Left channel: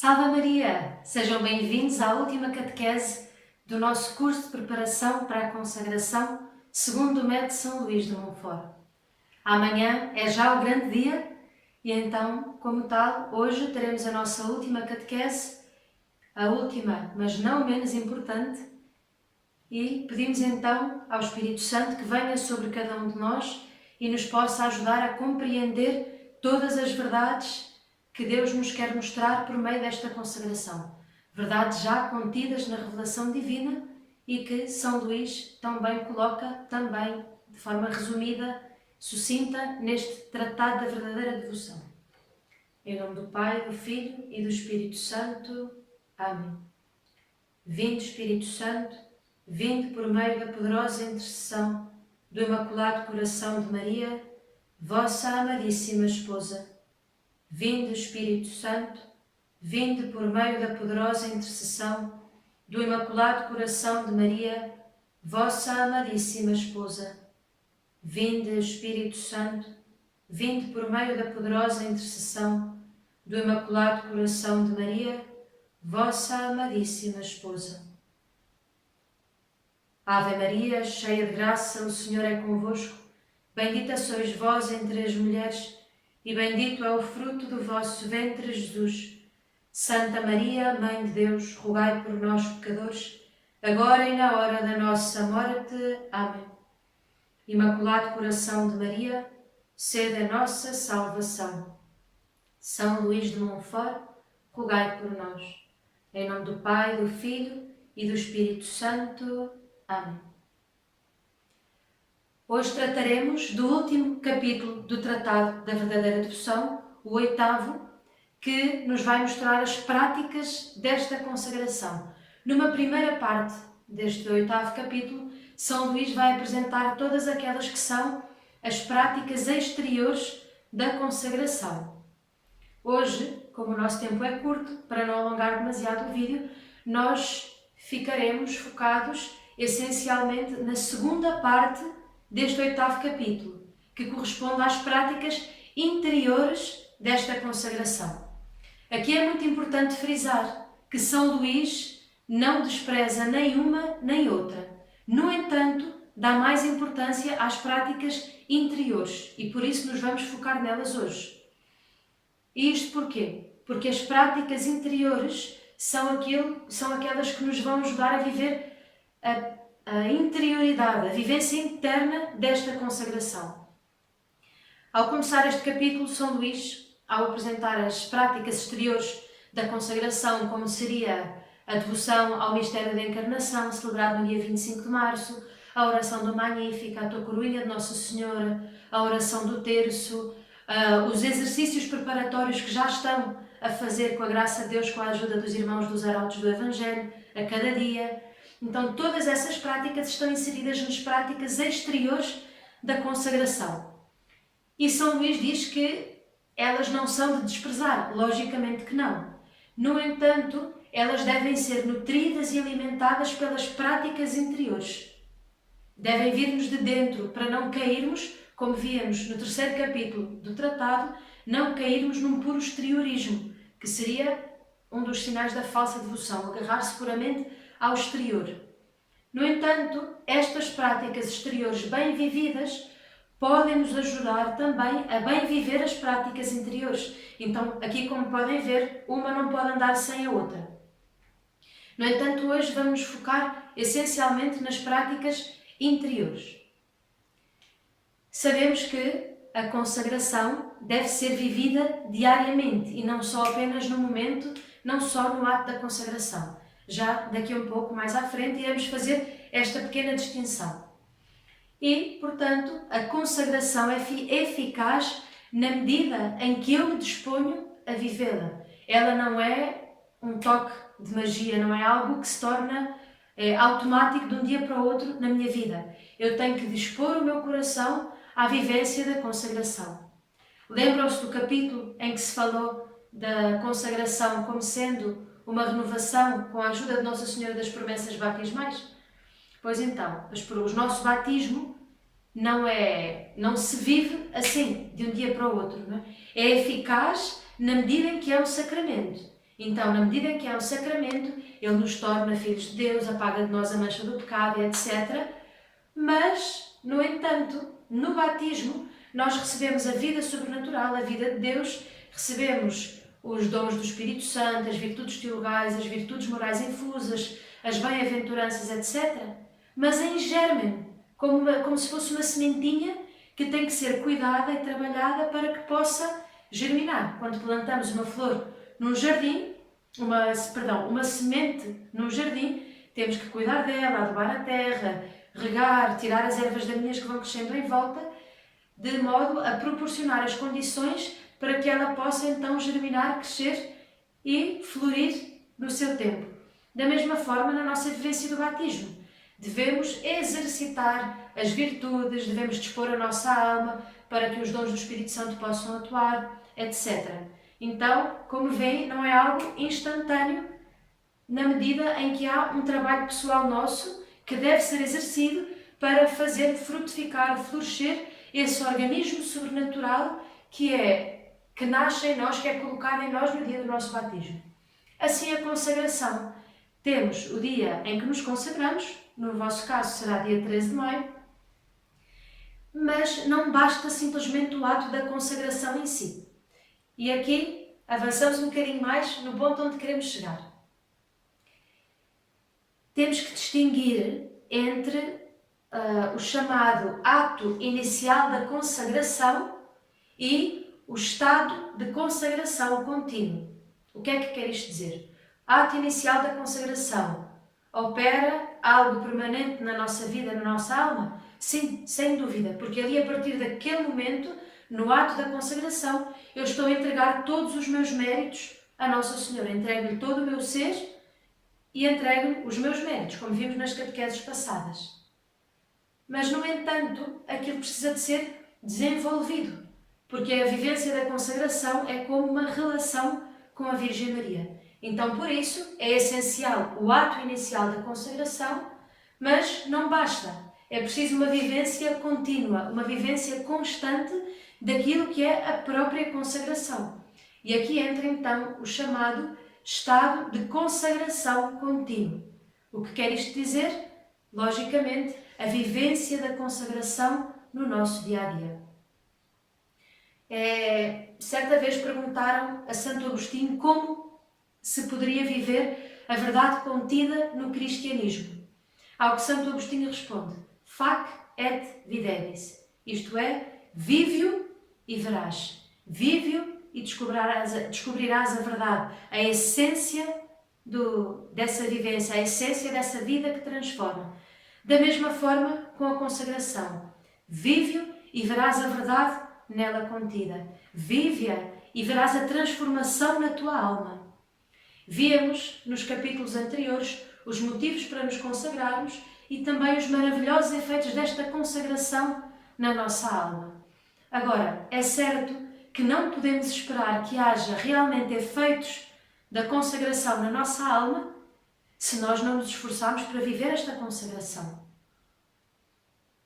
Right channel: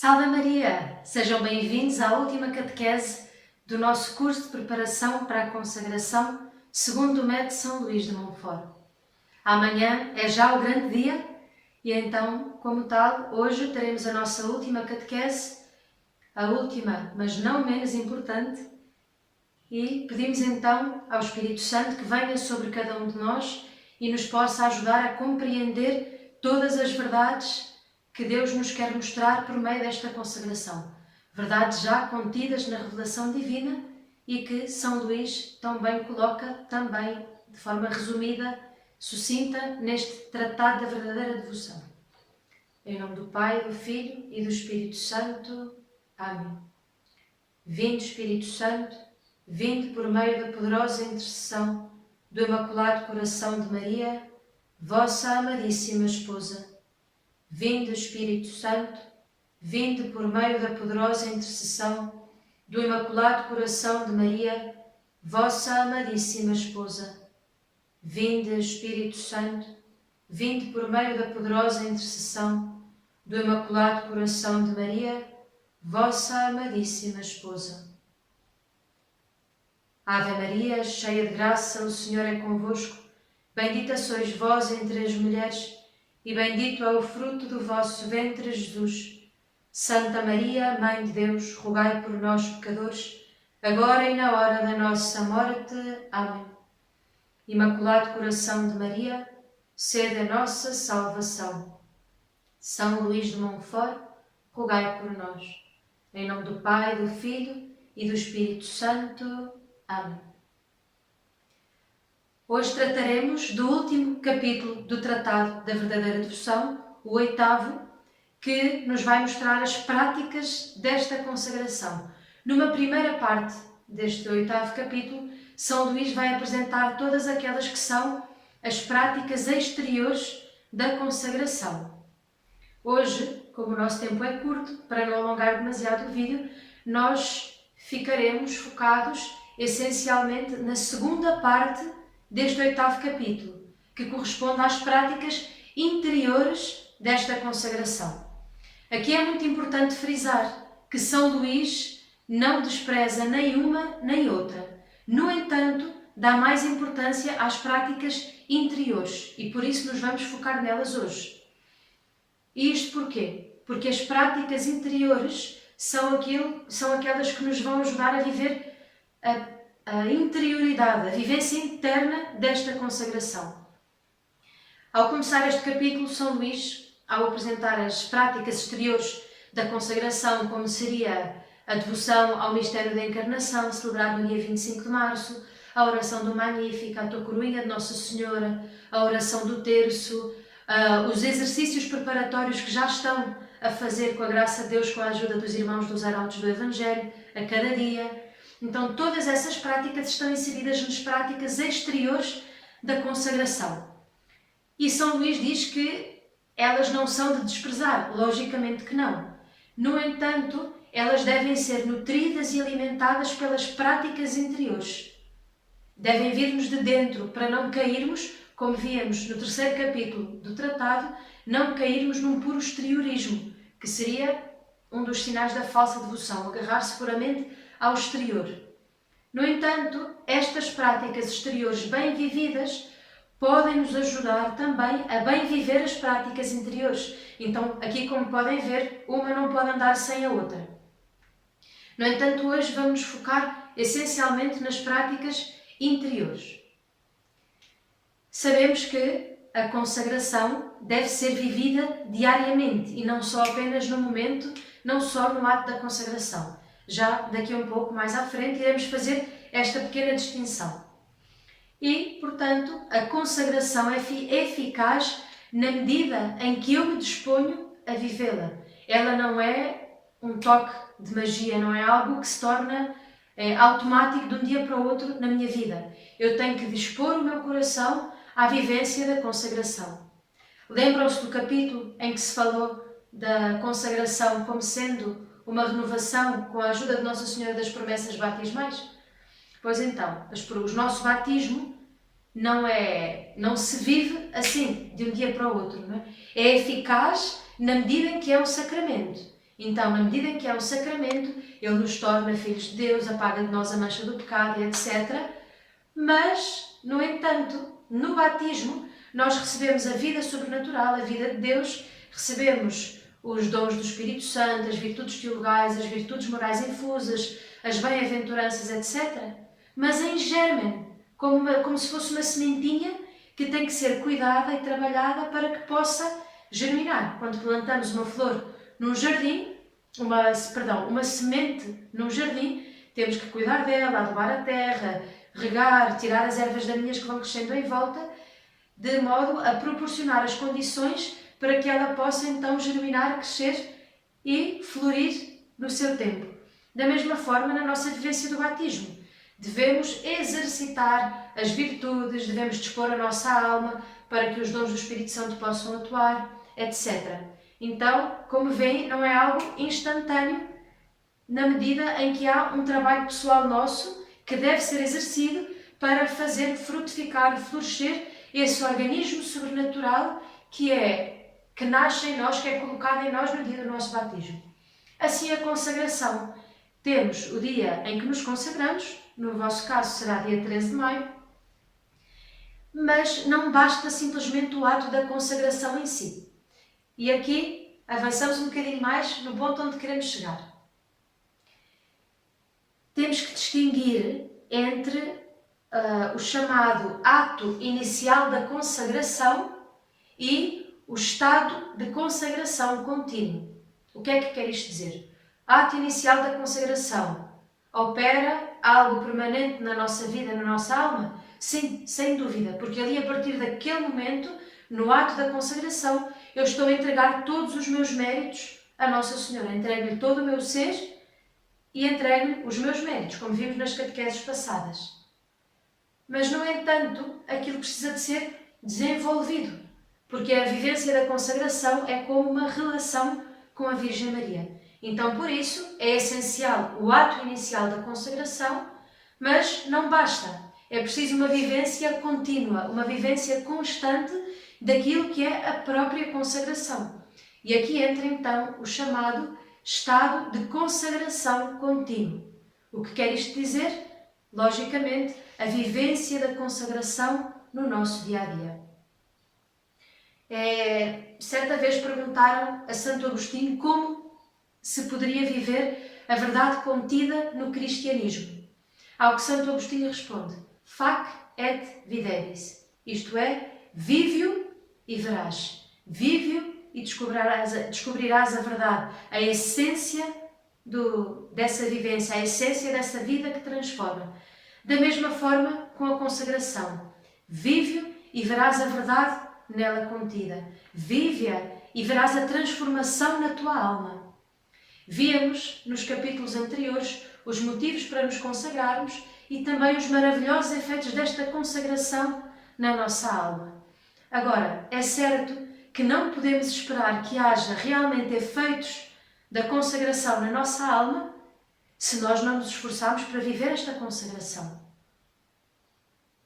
Salve Maria! Sejam bem-vindos à última catequese do nosso curso de preparação para a consagração segundo o método São Luís de Montfort. Amanhã é já o grande dia e então, como tal, hoje teremos a nossa última catequese, a última, mas não menos importante, e pedimos então ao Espírito Santo que venha sobre cada um de nós e nos possa ajudar a compreender todas as verdades que Deus nos quer mostrar por meio desta consagração. Verdades já contidas na revelação divina e que São Luís tão bem coloca, também de forma resumida, sucinta, neste Tratado da Verdadeira Devoção. Em nome do Pai, do Filho e do Espírito Santo. Amém. Vinde, Espírito Santo, vinde por meio da poderosa intercessão do Imaculado Coração de Maria, vossa amadíssima esposa. Vinde, Espírito Santo, vinde por meio da poderosa intercessão do Imaculado Coração de Maria, vossa amadíssima esposa. Vinde, Espírito Santo, vinde por meio da poderosa intercessão do Imaculado Coração de Maria, vossa amadíssima esposa. Ave Maria, cheia de graça, o Senhor é convosco. Bendita sois vós entre as mulheres, e bendito é o fruto do vosso ventre, Jesus. Santa Maria, Mãe de Deus, rogai por nós, pecadores, agora e na hora da nossa morte. Amém. Imaculado Coração de Maria, sede a nossa salvação. São Luís de Montfort, rogai por nós. Em nome do Pai, do Filho e do Espírito Santo. Amém. Hoje trataremos do último capítulo do Tratado da Verdadeira Devoção, o 8º, que nos vai mostrar as práticas desta consagração. Numa primeira parte deste 8º capítulo, São Luís vai apresentar todas aquelas que são as práticas exteriores da consagração. Hoje, como o nosso tempo é curto, para não alongar demasiado o vídeo, nós ficaremos focados essencialmente na segunda parte deste 8º capítulo, que corresponde às práticas interiores desta consagração. Aqui é muito importante frisar que São Luís não despreza nem uma nem outra. No entanto, dá mais importância às práticas interiores e por isso nos vamos focar nelas hoje. E isto porquê? Porque as práticas interiores são aquelas que nos vão ajudar a viver a interioridade, a vivência interna desta consagração. Ao começar este capítulo, São Luís, ao apresentar as práticas exteriores da consagração, como seria a devoção ao mistério da Encarnação, celebrado no dia 25 de março, a oração do Magnífica, a Coroinha de Nossa Senhora, a oração do Terço, os exercícios preparatórios que já estão a fazer com a graça de Deus, com a ajuda dos irmãos dos arautos do Evangelho, a cada dia. Então, todas essas práticas estão inseridas nas práticas exteriores da consagração. E São Luís diz que elas não são de desprezar, logicamente que não. No entanto, elas devem ser nutridas e alimentadas pelas práticas interiores. Devem vir-nos de dentro para não cairmos, como víamos no 3º capítulo do tratado, não cairmos num puro exteriorismo, que seria um dos sinais da falsa devoção, agarrar-se puramente ao exterior. No entanto, estas práticas exteriores bem vividas podem nos ajudar também a bem viver as práticas interiores. Então, aqui como podem ver, uma não pode andar sem a outra. No entanto, hoje vamos nos focar essencialmente nas práticas interiores. Sabemos que a consagração deve ser vivida diariamente e não só apenas no momento, não só no ato da consagração. Já daqui a um pouco mais à frente iremos fazer esta pequena distinção. E, portanto, a consagração é eficaz na medida em que eu me disponho a vivê-la. Ela não é um toque de magia, não é algo que se torna automático de um dia para o outro na minha vida. Eu tenho que dispor o meu coração à vivência da consagração. Lembram-se do capítulo em que se falou da consagração como sendo uma renovação com a ajuda de Nossa Senhora das Promessas Batismais? Pois então, o nosso batismo não se vive assim, de um dia para o outro. Não é? É eficaz na medida em que é um sacramento. Então, na medida em que é um sacramento, ele nos torna filhos de Deus, apaga de nós a mancha do pecado, etc. Mas, no entanto, no batismo, nós recebemos a vida sobrenatural, a vida de Deus, recebemos os dons do Espírito Santo, as virtudes teologais, as virtudes morais infusas, as bem-aventuranças, etc. Mas em germen, como se fosse uma sementinha que tem que ser cuidada e trabalhada para que possa germinar. Quando plantamos uma flor num jardim, uma semente num jardim, temos que cuidar dela, adubar a terra, regar, tirar as ervas daninhas que vão crescendo em volta, de modo a proporcionar as condições para que ela possa então germinar, crescer e florir no seu tempo. Da mesma forma, na nossa vivência do batismo, devemos exercitar as virtudes, devemos dispor a nossa alma para que os dons do Espírito Santo possam atuar, etc. Então, como veem, não é algo instantâneo, na medida em que há um trabalho pessoal nosso que deve ser exercido para fazer frutificar, florescer esse organismo sobrenatural que nasce em nós, que é colocado em nós no dia do nosso batismo. Assim, a consagração. Temos o dia em que nos consagramos, no vosso caso será dia 13 de maio, mas não basta simplesmente o ato da consagração em si. E aqui avançamos um bocadinho mais no ponto onde queremos chegar. Temos que distinguir entre o chamado ato inicial da consagração e o estado de consagração contínuo. O que é que quer isto dizer? Ato inicial da consagração opera algo permanente na nossa vida, na nossa alma? Sim, sem dúvida, porque ali a partir daquele momento, no ato da consagração, eu estou a entregar todos os meus méritos a Nossa Senhora. Entrego-lhe todo o meu ser e entrego-lhe os meus méritos, como vimos nas catequeses passadas. Mas, no entanto, aquilo precisa de ser desenvolvido, porque a vivência da consagração é como uma relação com a Virgem Maria. Então, por isso, é essencial o ato inicial da consagração, mas não basta. É preciso uma vivência contínua, uma vivência constante daquilo que é a própria consagração. E aqui entra, então, o chamado estado de consagração contínuo. O que quer isto dizer? Logicamente, a vivência da consagração no nosso dia-a-dia. Certa vez perguntaram a Santo Agostinho como se poderia viver a verdade contida no cristianismo. Ao que Santo Agostinho responde: Fac et videris, isto é, vive-o e verás. Vive-o e descobrirás a verdade, a essência dessa vivência, a essência dessa vida que transforma. Da mesma forma com a consagração. Vive-o e verás a verdade nela contida. Vive-a e verás a transformação na tua alma. Víamos nos capítulos anteriores os motivos para nos consagrarmos e também os maravilhosos efeitos desta consagração na nossa alma. Agora, é certo que não podemos esperar que haja realmente efeitos da consagração na nossa alma se nós não nos esforçarmos para viver esta consagração.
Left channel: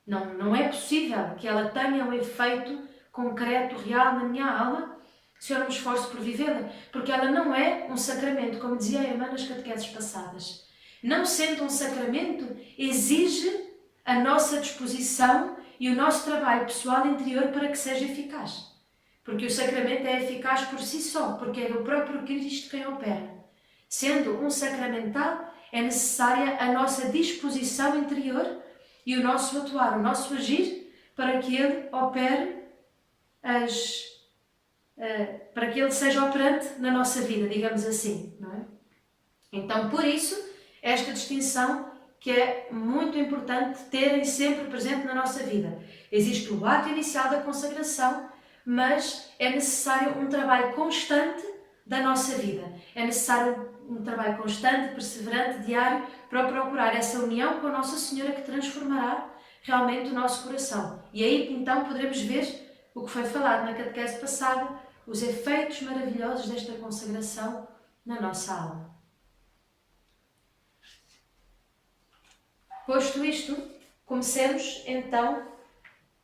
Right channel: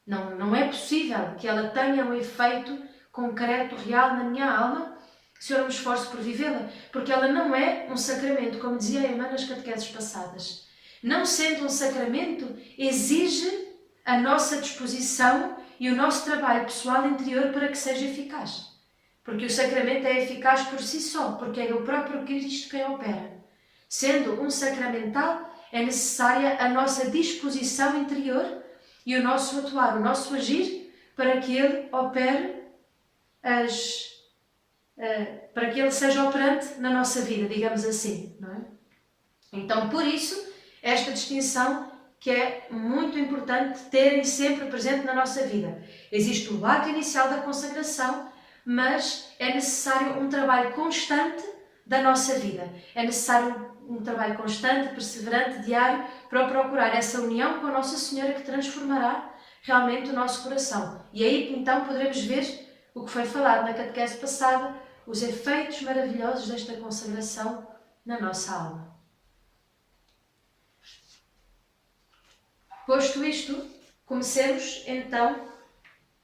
Não é possível que ela tenha um efeito concreto, real na minha alma, se eu não me esforço por vivê-la, porque ela não é um sacramento, como dizia a irmã nas catequeses passadas. Não sendo um sacramento, exige a nossa disposição e o nosso trabalho pessoal interior para que seja eficaz. Porque o sacramento é eficaz por si só, porque é o próprio Cristo quem opera. Sendo um sacramental, é necessária a nossa disposição interior e o nosso atuar, o nosso agir, para que ele opere para que ele seja operante na nossa vida, digamos assim, não é? Então, por isso, esta distinção que é muito importante terem sempre presente na nossa vida. Existe o ato inicial da consagração, mas é necessário um trabalho constante da nossa vida. É necessário um trabalho constante, perseverante, diário, para procurar essa união com a Nossa Senhora que transformará realmente o nosso coração. E aí, então, poderemos ver o que foi falado na catequese passada, os efeitos maravilhosos desta consagração na nossa alma. Posto isto, comecemos então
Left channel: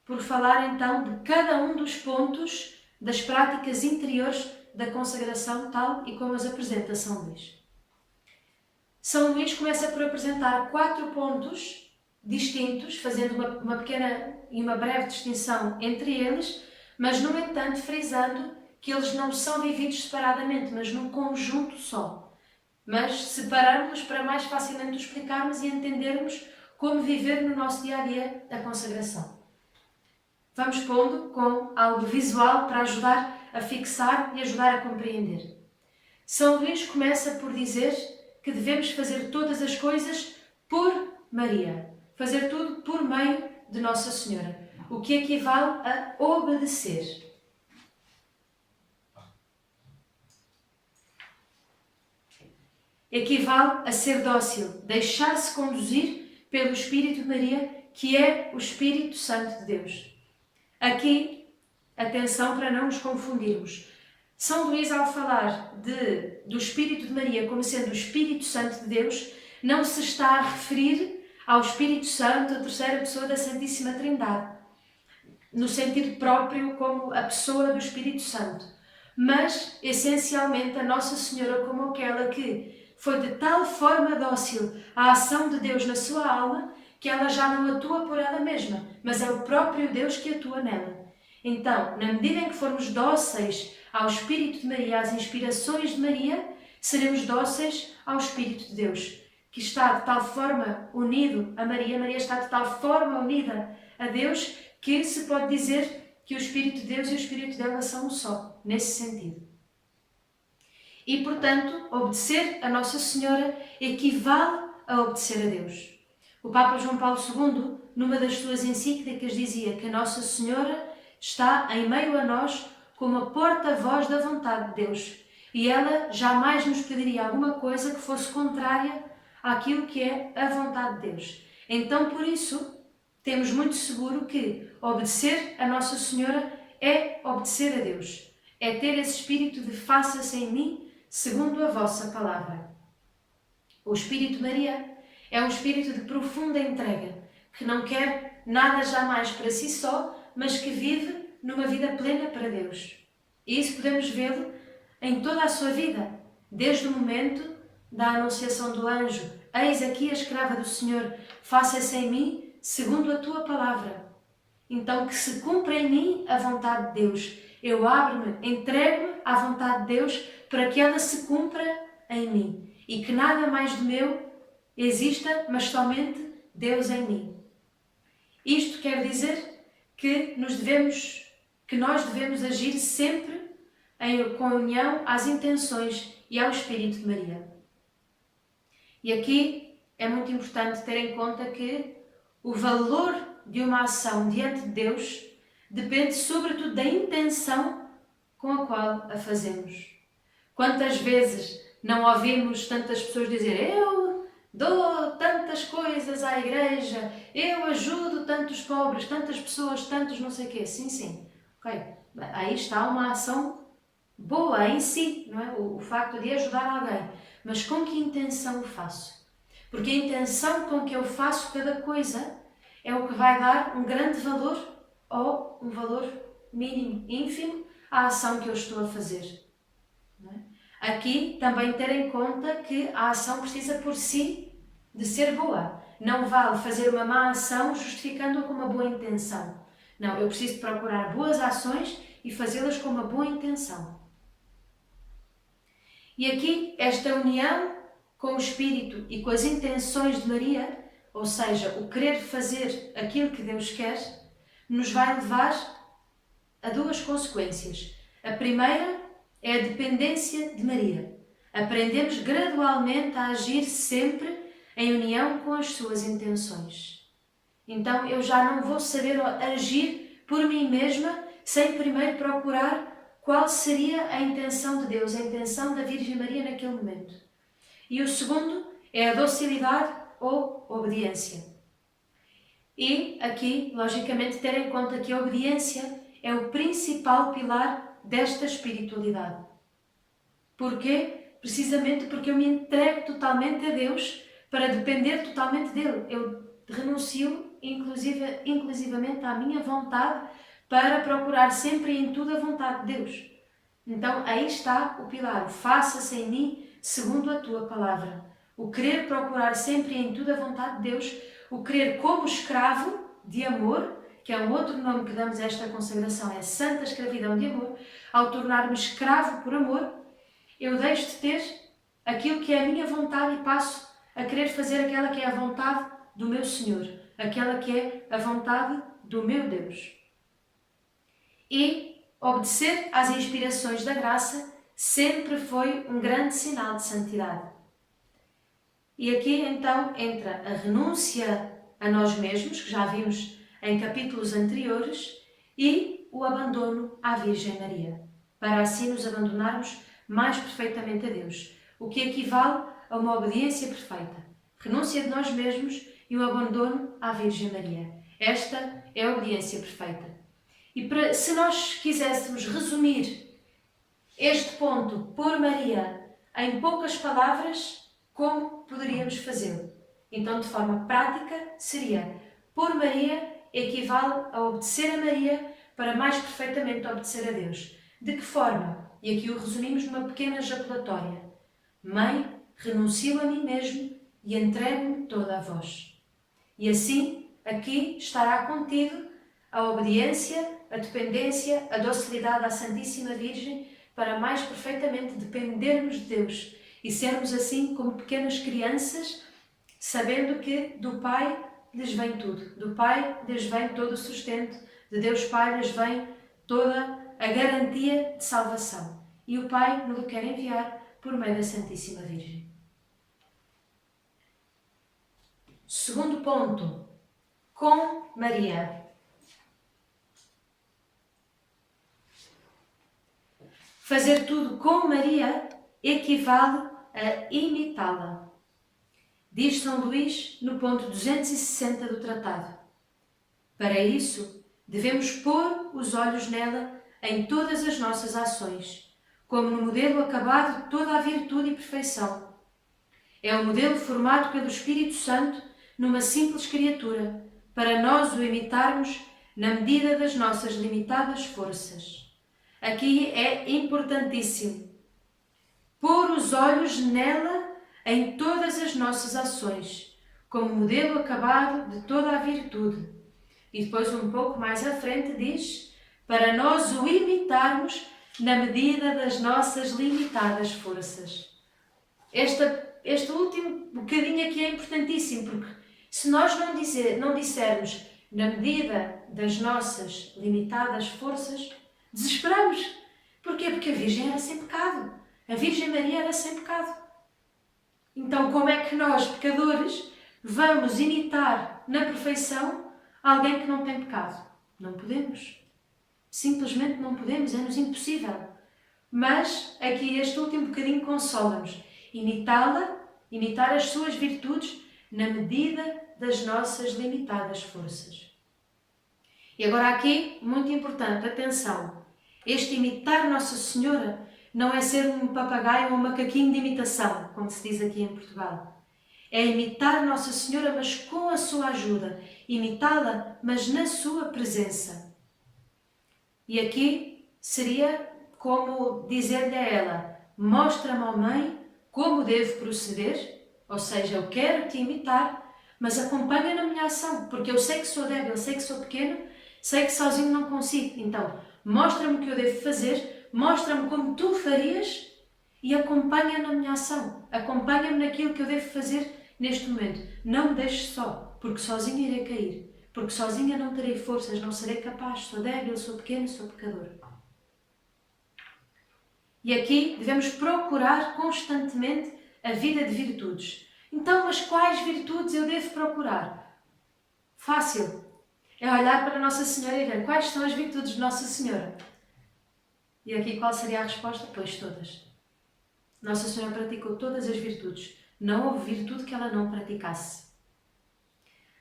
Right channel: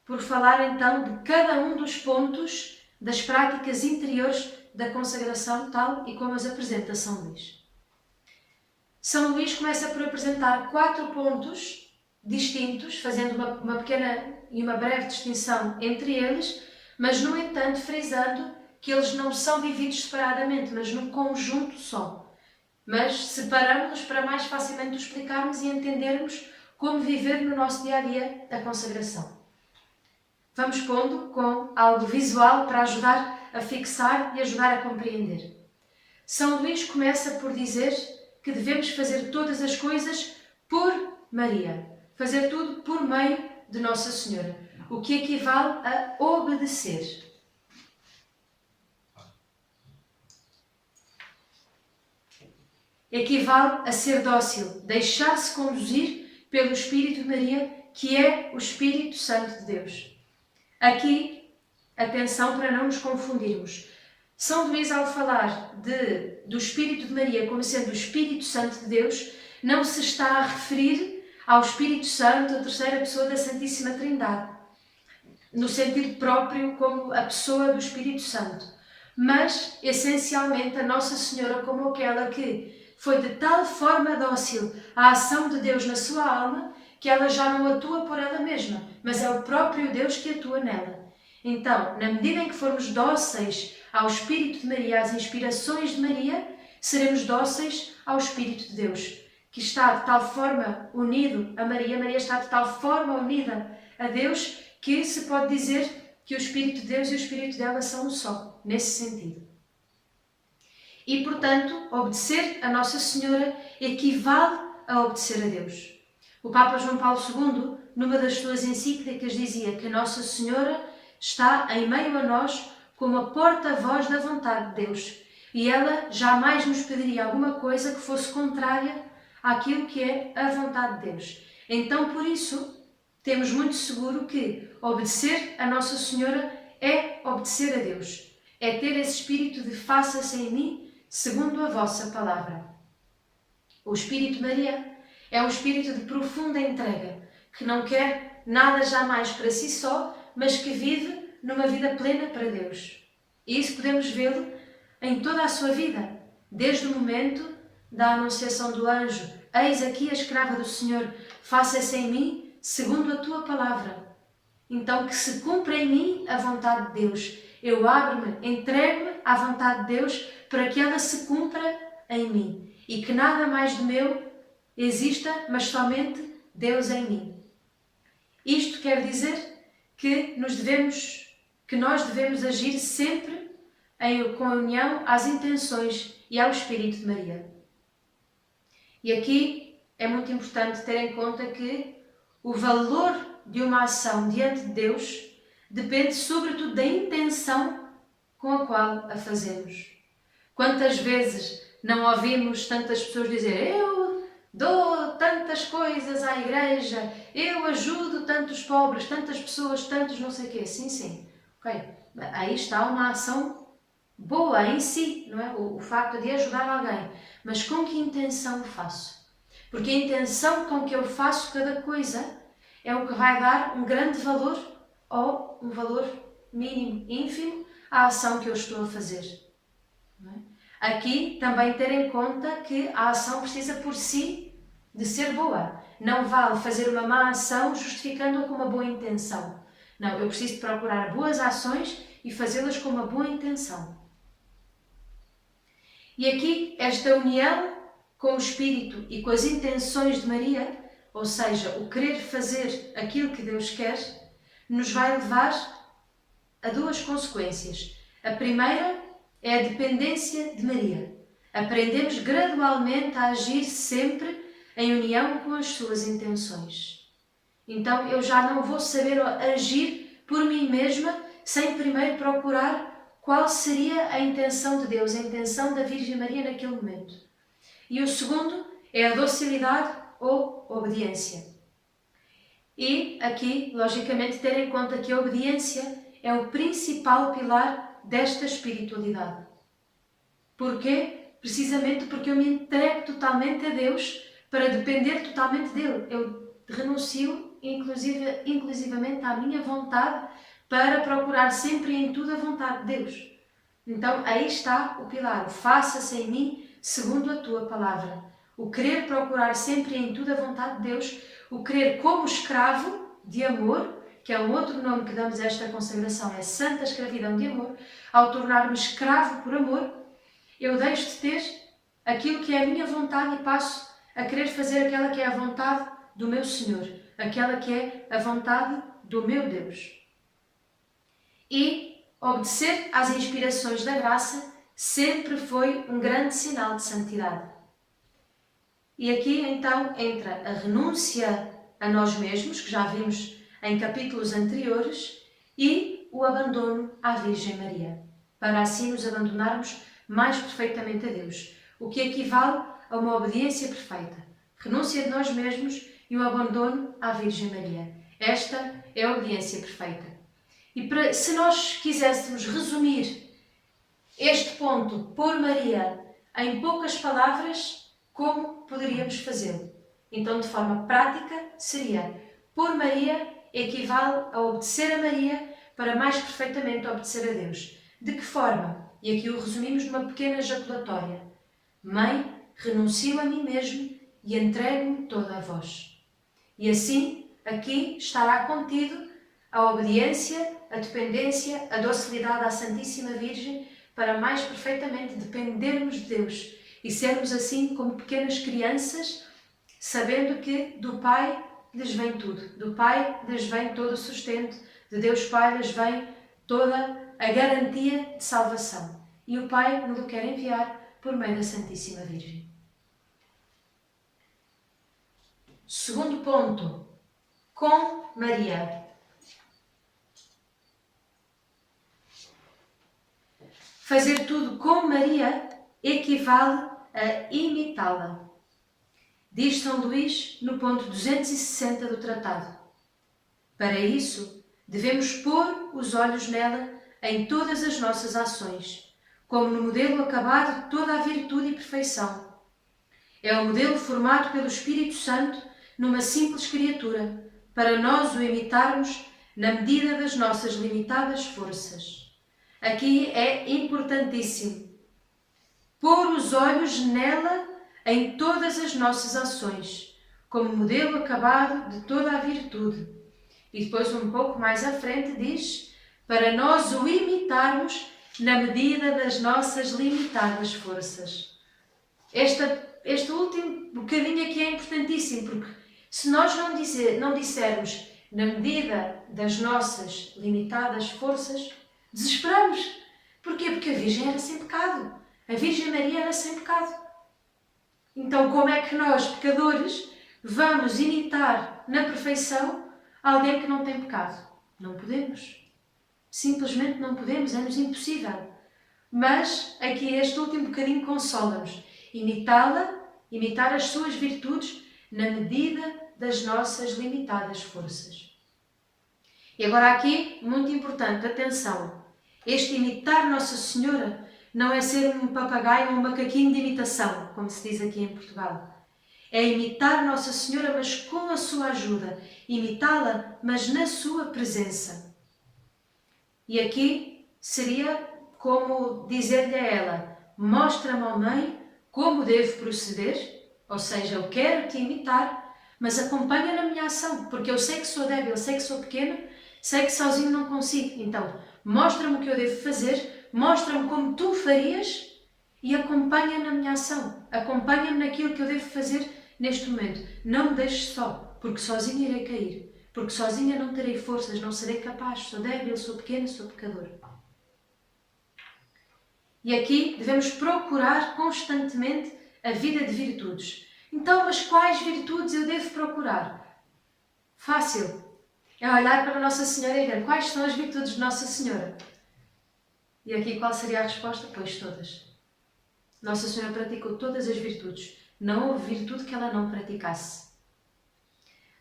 por falar então de cada um dos pontos das práticas interiores da consagração tal e como as apresenta São Luís. São Luís começa por apresentar 4 pontos distintos, fazendo uma pequena e uma breve distinção entre eles, mas, no entanto, frisando que eles não são vividos separadamente, mas num conjunto só. Mas separamos-los para mais facilmente explicarmos e entendermos como viver no nosso dia-a-dia a consagração. Vamos pondo com algo visual para ajudar a fixar e ajudar a compreender. São Luís começa por dizer que devemos fazer todas as coisas por Maria. Fazer tudo por meio de Nossa Senhora, o que equivale a obedecer. Equivale a ser dócil, deixar-se conduzir pelo Espírito de Maria, que é o Espírito Santo de Deus. Aqui, atenção para não nos confundirmos. São Luís, ao falar do Espírito de Maria como sendo o Espírito Santo de Deus, não se está a referir ao Espírito Santo, a terceira pessoa da Santíssima Trindade, no sentido próprio como a pessoa do Espírito Santo, mas, essencialmente, a Nossa Senhora como aquela que foi de tal forma dócil à ação de Deus na sua alma, que ela já não atua por ela mesma, mas é o próprio Deus que atua nela. Então, na medida em que formos dóceis ao Espírito de Maria, às inspirações de Maria, seremos dóceis ao Espírito de Deus, que está de tal forma unido a Maria, Maria está de tal forma unida a Deus, que se pode dizer que o Espírito de Deus e o Espírito dela são um só, nesse sentido. E, portanto, obedecer a Nossa Senhora equivale a obedecer a Deus. O Papa João Paulo II, numa das suas encíclicas, dizia que Nossa Senhora está em meio a nós como a porta-voz da vontade de Deus, e ela jamais nos pediria alguma coisa que fosse contrária àquilo que é a vontade de Deus. Então, por isso, temos muito seguro que obedecer a Nossa Senhora é obedecer a Deus, é ter esse espírito de faça-se em mim segundo a vossa palavra. O Espírito de Maria é um espírito de profunda entrega, que não quer nada jamais para si só, mas que vive numa vida plena para Deus. E isso podemos vê-lo em toda a sua vida, desde o momento da anunciação do anjo: eis aqui a escrava do Senhor, faça-se em mim segundo a tua palavra. Então, que se cumpra em mim a vontade de Deus. Eu abro-me, entrego-me à vontade de Deus para que ela se cumpra em mim. E que nada mais do meu exista, mas somente Deus em mim. Isto quer dizer que nós devemos agir sempre com união às intenções e ao Espírito de Maria. E aqui é muito importante ter em conta que o valor de uma ação diante de Deus depende sobretudo da intenção com a qual a fazemos. Quantas vezes não ouvimos tantas pessoas dizer: eu dou tantas coisas à igreja, eu ajudo tantos pobres, tantas pessoas, tantos não sei o quê. Sim, sim. Ok. Aí está uma ação boa em si, não é? O facto de ajudar alguém. Mas com que intenção o faço? Porque a intenção com que eu faço cada coisa é o que vai dar um grande valor ou um valor mínimo, ínfimo, à ação que eu estou a fazer. Não é? Aqui também ter em conta que a ação precisa por si de ser boa. Não vale fazer uma má ação justificando-a com uma boa intenção. Não, eu preciso de procurar boas ações e fazê-las com uma boa intenção. E aqui esta união com o Espírito e com as intenções de Maria, ou seja, o querer fazer aquilo que Deus quer, nos vai levar a duas consequências. A primeira é a dependência de Maria. Aprendemos gradualmente a agir sempre em união com as suas intenções. Então eu já não vou saber agir por mim mesma sem primeiro procurar qual seria a intenção de Deus, a intenção da Virgem Maria naquele momento. E o segundo é a docilidade ou obediência. E aqui, logicamente, ter em conta que a obediência é o principal pilar desta espiritualidade. Porquê? Precisamente porque eu me entrego totalmente a Deus para depender totalmente dele. Eu renuncio inclusivamente à minha vontade para procurar sempre e em tudo a vontade de Deus. Então aí está o pilar, o faça-se em mim segundo a tua palavra. O querer procurar sempre em tudo a vontade de Deus, o querer como escravo de amor, que é um outro nome que damos a esta consagração, é a santa escravidão de amor. Ao tornar-me escravo por amor, eu deixo de ter aquilo que é a minha vontade e passo a querer fazer aquela que é a vontade do meu Senhor, aquela que é a vontade do meu Deus. E obedecer às inspirações da graça sempre foi um grande sinal de santidade. E aqui então entra a renúncia a nós mesmos, que já vimos em capítulos anteriores, e o abandono à Virgem Maria, para assim nos abandonarmos mais perfeitamente a Deus, o que equivale a uma obediência perfeita, renúncia de nós mesmos e o abandono à Virgem Maria. Esta é a obediência perfeita. E se nós quiséssemos resumir este ponto por Maria em poucas palavras, como poderíamos fazê-lo? Então, de forma prática, seria: por Maria equivale a obedecer a Maria para mais perfeitamente obedecer a Deus. De que forma? E aqui o resumimos numa pequena ejaculatória. Mãe, renuncio a mim mesmo e entrego-me toda a vós. E assim, aqui estará contido a obediência, a dependência, a docilidade à Santíssima Virgem para mais perfeitamente dependermos de Deus e sermos assim como pequenas crianças, sabendo que do Pai lhes vem tudo, do Pai lhes vem todo o sustento, de Deus Pai lhes vem toda a garantia de salvação. E o Pai nos quer enviar por meio da Santíssima Virgem. Segundo ponto, com Maria. Fazer tudo com Maria equivale a imitá-la. Diz São Luís no ponto 260 do tratado. Para isso, devemos pôr os olhos nela em todas as nossas ações, como no modelo acabado de toda a virtude e perfeição. É o modelo formado pelo Espírito Santo numa simples criatura, para nós o imitarmos na medida das nossas limitadas forças. Aqui é importantíssimo pôr os olhos nela em todas as nossas ações, como modelo acabado de toda a virtude. E depois, um pouco mais à frente, diz: para nós o imitarmos na medida das nossas limitadas forças. Este último bocadinho aqui é importantíssimo, porque se nós não dissermos na medida das nossas limitadas forças, desesperamos. Porquê? Porque a Virgem era sem pecado. A Virgem Maria era sem pecado. Então, como é que nós, pecadores, vamos imitar na perfeição alguém que não tem pecado? Não podemos. Simplesmente não podemos, é-nos impossível. Mas aqui este último bocadinho consola-nos. Imitá-la, imitar as suas virtudes na medida das nossas limitadas forças. E agora aqui, muito importante, atenção. Este imitar Nossa Senhora não é ser um papagaio ou um macaquinho de imitação, como se diz aqui em Portugal. É imitar Nossa Senhora, mas com a sua ajuda. Imitá-la, mas na sua presença. E aqui seria como dizer-lhe a ela: mostra-me, ó Mãe, como devo proceder, ou seja, eu quero te imitar, mas acompanha na minha ação, porque eu sei que sou débil, eu sei que sou pequena, sei que sozinho não consigo. Então, mostra-me o que eu devo fazer, mostra-me como tu farias e acompanha na minha ação, acompanha-me naquilo que eu devo fazer neste momento. Não me deixes só, porque sozinha irei cair, porque sozinha não terei forças, não serei capaz, sou débil, sou pequena, sou pecador. E aqui devemos procurar constantemente a vida de virtudes. Então, mas quais virtudes eu devo procurar? Fácil. É olhar para Nossa Senhora e ver quais são as virtudes de Nossa Senhora. E aqui qual seria a resposta? Pois todas. Nossa Senhora praticou todas as virtudes. Não houve virtude que ela não praticasse.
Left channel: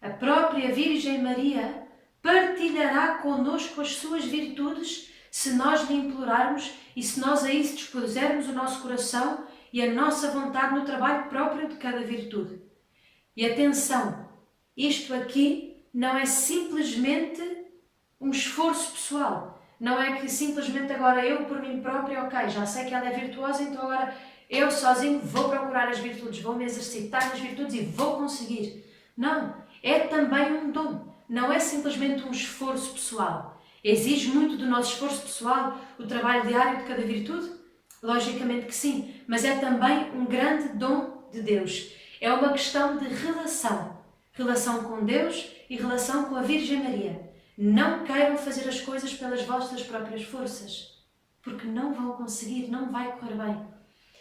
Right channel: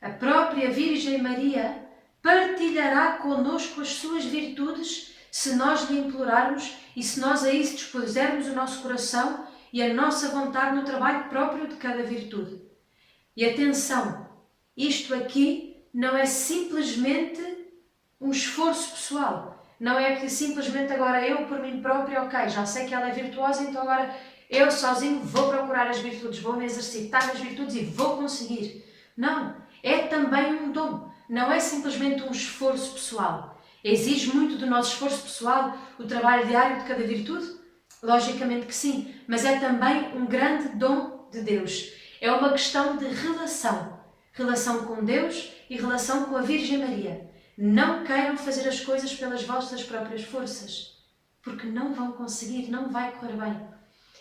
A própria Virgem Maria partilhará connosco as suas virtudes se nós lhe implorarmos e se nós a isso dispusermos o nosso coração e a nossa vontade no trabalho próprio de cada virtude. E atenção, isto aqui não é simplesmente um esforço pessoal, Não é que simplesmente agora eu, por mim própria, ok, já sei que ela é virtuosa, então agora eu sozinho vou procurar as virtudes, vou me exercitar nas virtudes e vou conseguir. Não, é também um dom. Não é simplesmente um esforço pessoal. Exige muito do nosso esforço pessoal o trabalho diário de cada virtude? Logicamente que sim, mas é também um grande dom de Deus. É uma questão de relação. Relação com Deus e relação com a Virgem Maria. Não queiram fazer as coisas pelas vossas próprias forças, porque não vão conseguir, não vai correr bem.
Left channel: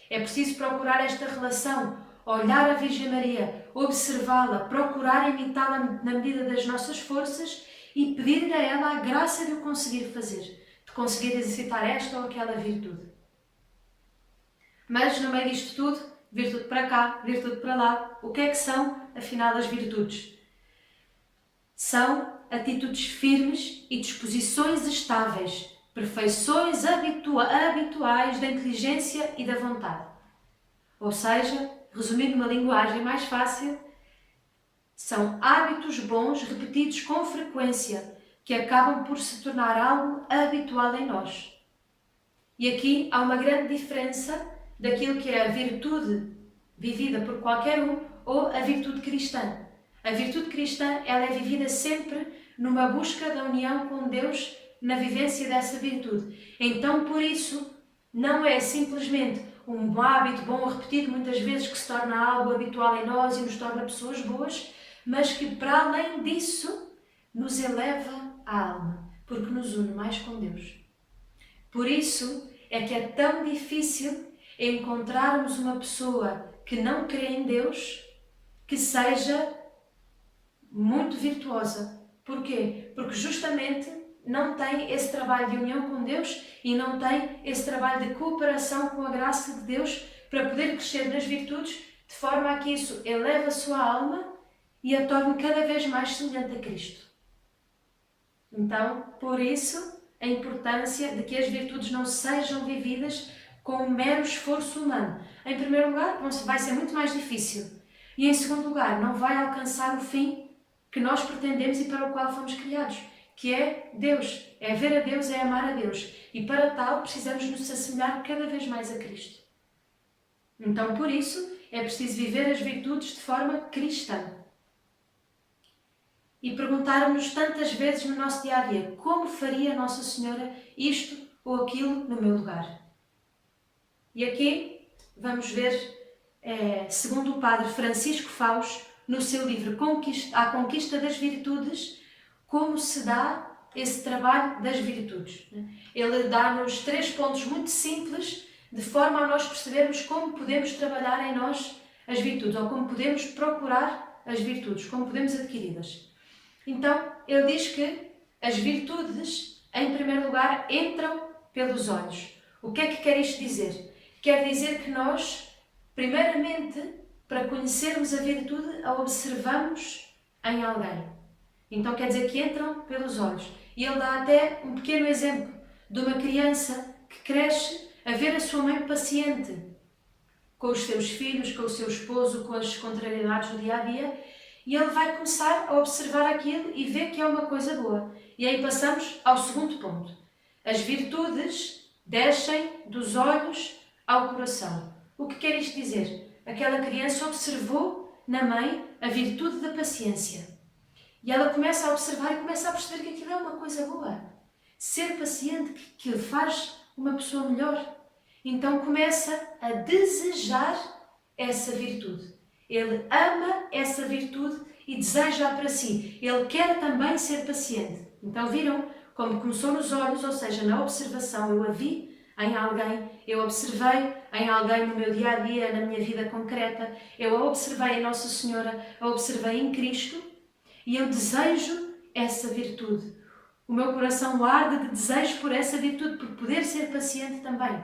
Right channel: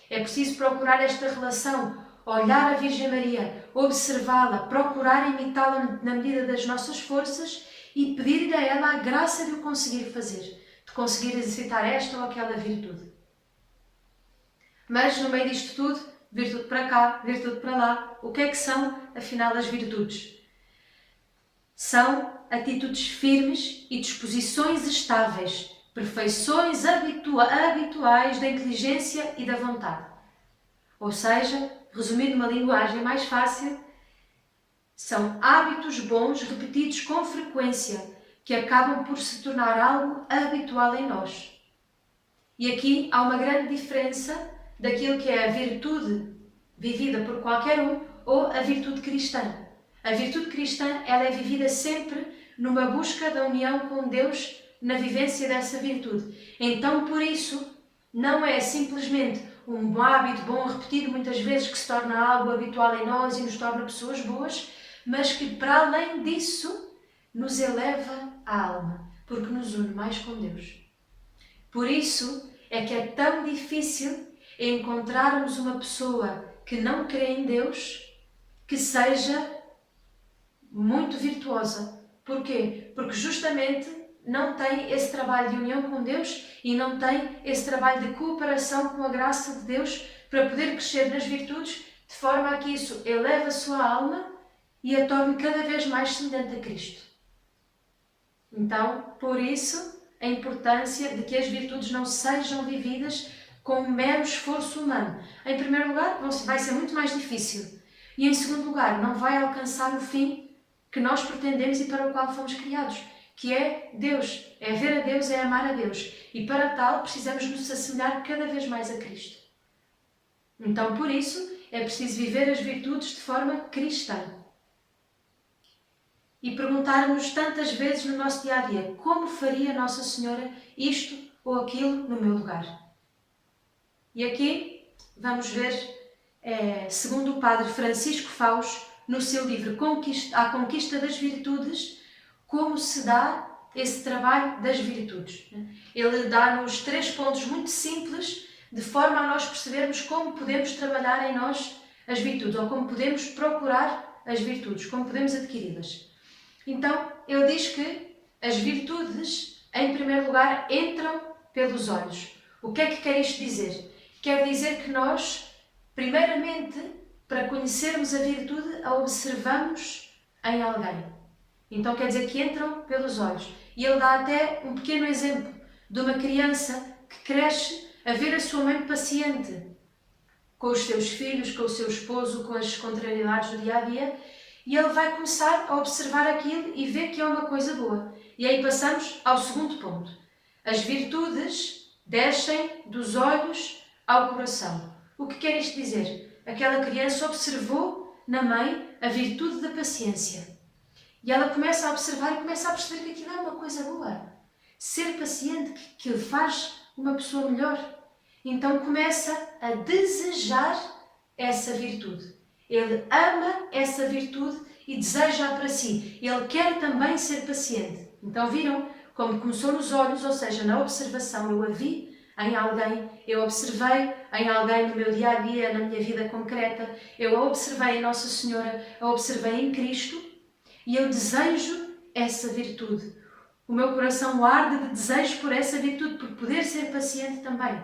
É preciso procurar esta relação, olhar a Virgem Maria, observá-la, procurar imitá-la na medida das nossas forças e pedir-lhe a ela a graça de o conseguir fazer, de conseguir exercitar esta ou aquela virtude. Mas no meio disto tudo, virtude para cá, virtude para lá, o que é que são, afinal, as virtudes? São atitudes firmes e disposições estáveis, perfeições habituais da inteligência e da vontade. Ou seja, resumindo numa linguagem mais fácil, são hábitos bons repetidos com frequência que acabam por se tornar algo habitual em nós. E aqui há uma grande diferença daquilo que é a virtude vivida por qualquer um ou a virtude cristã. A virtude cristã, ela é vivida sempre numa busca da união com Deus na vivência dessa virtude. Então, por isso, não é simplesmente um hábito bom repetido muitas vezes que se torna algo habitual em nós e nos torna pessoas boas, mas que para além disso nos eleva a alma, porque nos une mais com Deus. Por isso é que é tão difícil encontrarmos uma pessoa que não crê em Deus que seja muito virtuosa. Porquê? Porque justamente não tem esse trabalho de união com Deus e não tem esse trabalho de cooperação com a graça de Deus para poder crescer nas virtudes de forma a que isso eleve a sua alma e a torne cada vez mais semelhante a Cristo. Então, por isso, a importância de que as virtudes não sejam vividas com um mero esforço humano. Em primeiro lugar, vai ser muito mais difícil. E em segundo lugar, não vai alcançar o fim que nós pretendemos e para o qual fomos criados, que é Deus. É ver a Deus, é amar a Deus. E para tal, precisamos nos assemelhar cada vez mais a Cristo. Então, por isso, é preciso viver as virtudes de forma cristã. E perguntarmos tantas vezes no nosso dia-a-dia, como faria Nossa Senhora isto ou aquilo no meu lugar? E aqui vamos ver, segundo o padre Francisco Faus, no seu livro A Conquista das Virtudes, como se dá esse trabalho das virtudes. Ele dá-nos 3 pontos muito simples, de forma a nós percebermos como podemos trabalhar em nós as virtudes, ou como podemos procurar as virtudes, como podemos adquiri-las. Então, ele diz que as virtudes, em primeiro lugar, entram pelos olhos. O que é que quer isto dizer? Quer dizer que nós, primeiramente, para conhecermos a virtude, a observamos em alguém. Então quer dizer que entram pelos olhos. E ele dá até um pequeno exemplo de uma criança que cresce a ver a sua mãe paciente com os seus filhos, com o seu esposo, com as contrariedades do dia-a-dia, e ele vai começar a observar aquilo e ver que é uma coisa boa. E aí passamos ao segundo ponto. As virtudes descem dos olhos ao coração. O que quer isto dizer? Aquela criança observou na mãe a virtude da paciência. E ela começa a observar e começa a perceber que aquilo é uma coisa boa. Ser paciente que lhe faz uma pessoa melhor. Então começa a desejar essa virtude. Ele ama essa virtude e deseja-a para si. Ele quer também ser paciente. Então viram como começou nos olhos, ou seja, na observação. Eu a vi em alguém, eu observei em alguém no meu dia-a-dia, na minha vida concreta. Eu a observei em Nossa Senhora, a observei em Cristo e eu desejo essa virtude. O meu coração arde de desejo por essa virtude, por poder ser paciente também.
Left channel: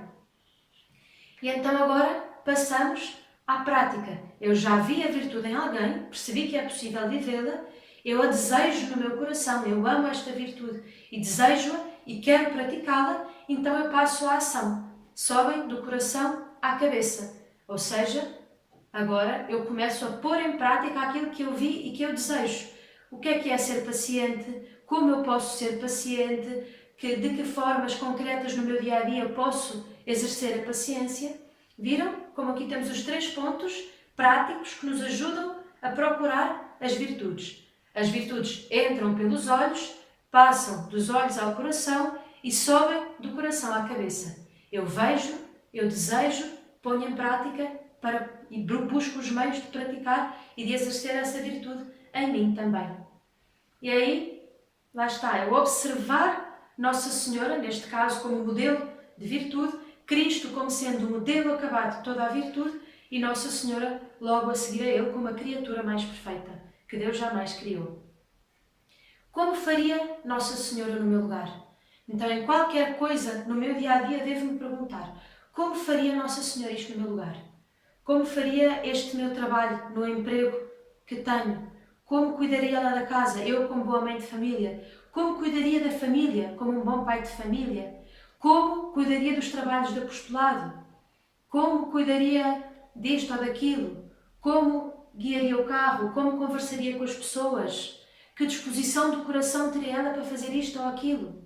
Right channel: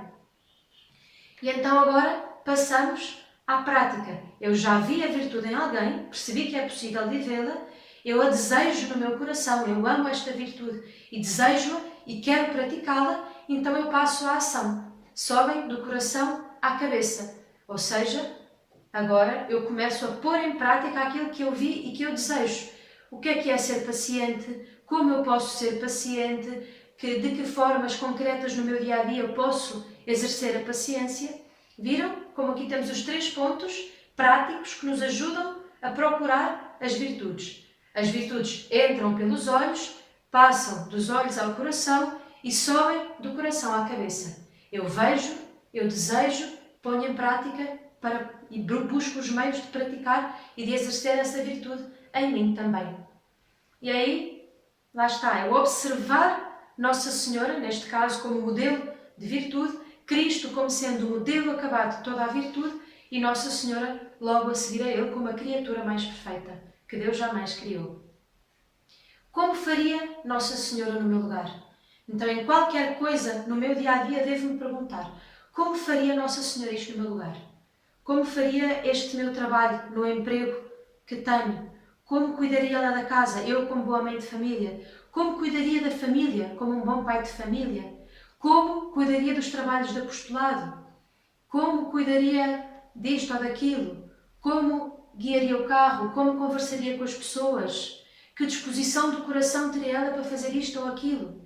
E então agora passamos à prática. Eu já vi a virtude em alguém, percebi que é possível vivê-la, eu a desejo no meu coração, eu amo esta virtude e desejo-a e quero praticá-la, então eu passo à ação. Sobem do coração à cabeça. Ou seja, agora eu começo a pôr em prática aquilo que eu vi e que eu desejo. O que é ser paciente? Como eu posso ser paciente? de que formas concretas no meu dia-a-dia eu posso exercer a paciência. Viram como aqui temos os 3 pontos práticos que nos ajudam a procurar as virtudes. As virtudes entram pelos olhos, passam dos olhos ao coração e sobem do coração à cabeça. Eu vejo, eu desejo, ponho em prática e busco os meios de praticar e de exercer essa virtude em mim também. E aí, lá está, é observar Nossa Senhora, neste caso como modelo de virtude, Cristo como sendo o modelo acabado de toda a virtude e Nossa Senhora logo a seguir a Ele como a criatura mais perfeita que Deus jamais criou. Como faria Nossa Senhora no meu lugar? Então, em qualquer coisa no meu dia-a-dia, devo-me perguntar: como faria Nossa Senhora isto no meu lugar? Como faria este meu trabalho no emprego que tenho? Como cuidaria ela da casa, eu como boa mãe de família? Como cuidaria da família, como um bom pai de família? Como cuidaria dos trabalhos de apostolado? Como cuidaria disto ou daquilo? Como guiaria o carro? Como conversaria com as pessoas? Que disposição do coração teria ela para fazer isto ou aquilo?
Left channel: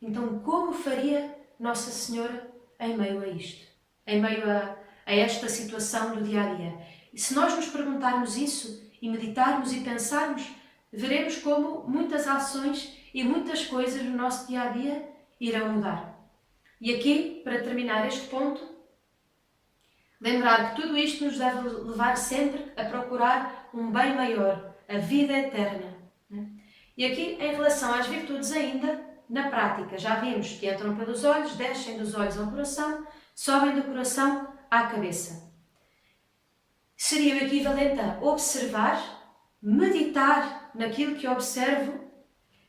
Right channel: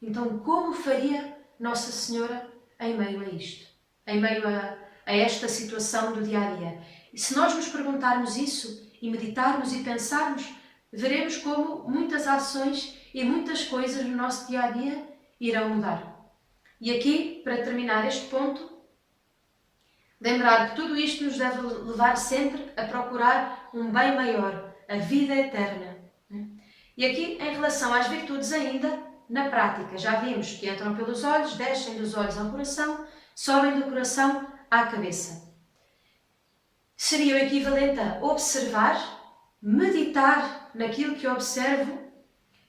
Então, como faria Nossa Senhora em meio a isto? Em meio a esta situação do dia-a-dia? E se nós nos perguntarmos isso e meditarmos e pensarmos, veremos como muitas ações e muitas coisas no nosso dia-a-dia irão mudar. E aqui, para terminar este ponto, lembrar que tudo isto nos deve levar sempre a procurar um bem maior, a vida eterna. E aqui, em relação às virtudes ainda, na prática, já vimos que entram pelos olhos, descem dos olhos ao coração, sobem do coração à cabeça. Seria o equivalente a observar, meditar naquilo que observo,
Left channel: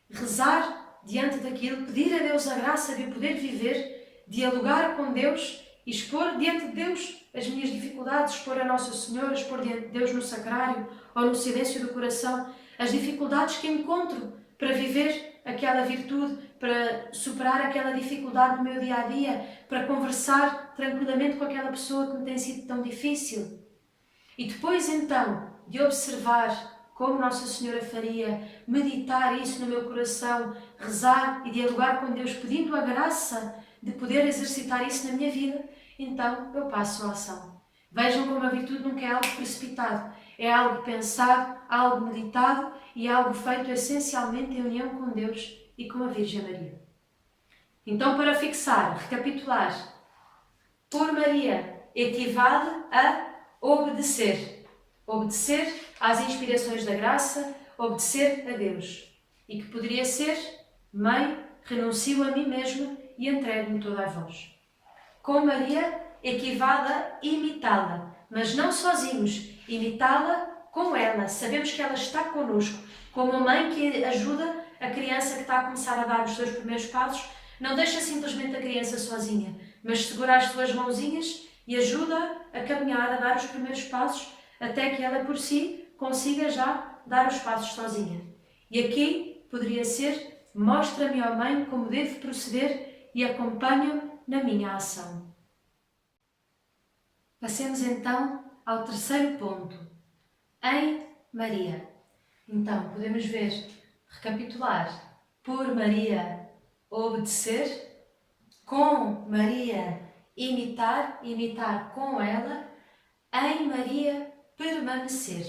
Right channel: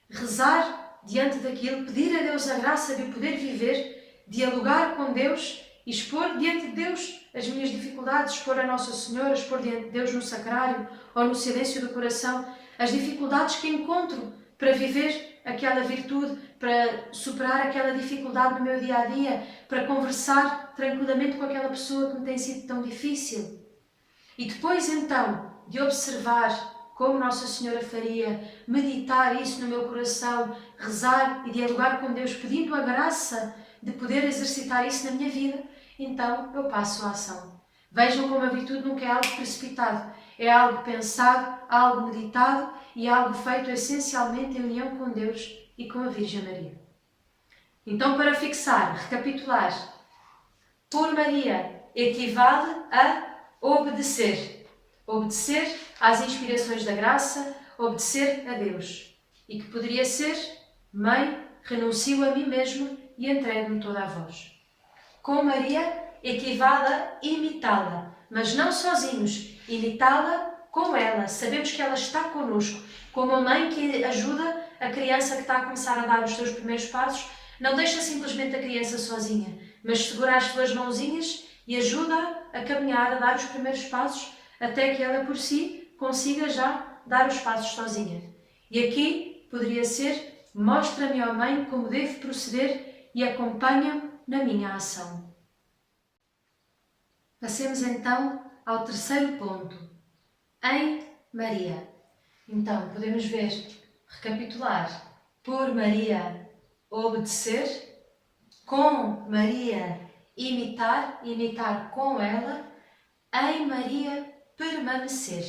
rezar diante daquilo, pedir a Deus a graça de o poder viver, dialogar com Deus e expor diante de Deus as minhas dificuldades, expor a Nossa Senhora, expor diante de Deus no sacrário ou no silêncio do coração as dificuldades que encontro para viver aquela virtude, para superar aquela dificuldade no meu dia-a-dia, para conversar tranquilamente com aquela pessoa que me tem sido tão difícil. E depois então de observar como Nossa Senhora faria, meditar isso no meu coração, rezar e dialogar com Deus, pedindo a graça de poder exercitar isso na minha vida, então eu passo a ação. Vejam como a virtude nunca é algo precipitado, é algo pensado, algo meditado e algo feito essencialmente em união com Deus e com a Virgem Maria. Então, para fixar, recapitular, por Maria equivale a obedecer. Obedecer às inspirações da graça, obedecer a Deus. E que poderia ser: Mãe, renuncio a mim mesma e entrego-me toda a vós. Com Maria equivale a imitá-la, mas não sozinhos, imitá-la com ela. Sabemos que ela está connosco, como a mãe que ajuda a criança que está a começar a dar os seus primeiros passos, não deixa simplesmente a criança sozinha, mas segura as suas mãozinhas e ajuda a caminhar, a dar os primeiros passos, até que ela por si consiga já dar os passos sozinha. E aqui poderia ser: mostra-me, ó Mãe, como devo proceder e acompanha-me na minha ação. Passemos então ao terceiro ponto, em Maria. Então, podemos ver, recapitular: por Maria obedecer, com Maria imitar com ela, em Maria permanecer.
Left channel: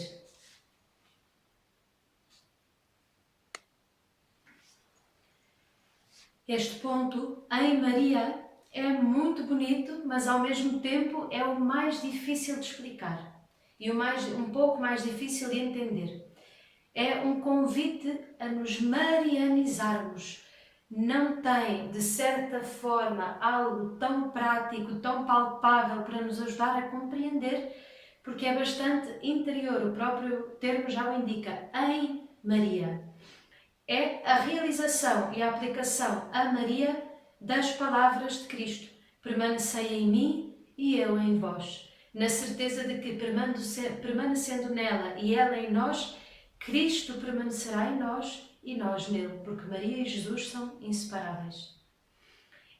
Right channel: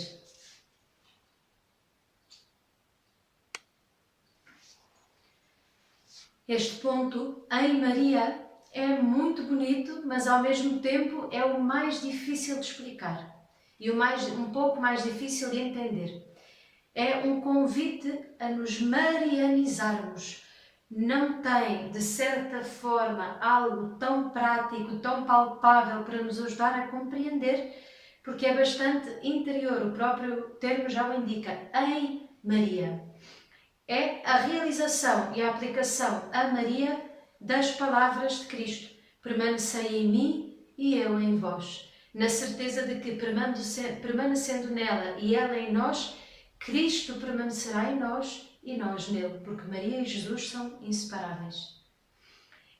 Este ponto, em Maria, é muito bonito, mas ao mesmo tempo é o mais difícil de explicar e um pouco mais difícil de entender. É um convite a nos marianizarmos. Não tem, de certa forma, algo tão prático, tão palpável para nos ajudar a compreender, porque é bastante interior, o próprio termo já o indica, em Maria. É a realização e a aplicação a Maria das palavras de Cristo: permanecei em mim e eu em vós, na certeza de que, permanecendo nela e ela em nós, Cristo permanecerá em nós e nós nele, porque Maria e Jesus são inseparáveis.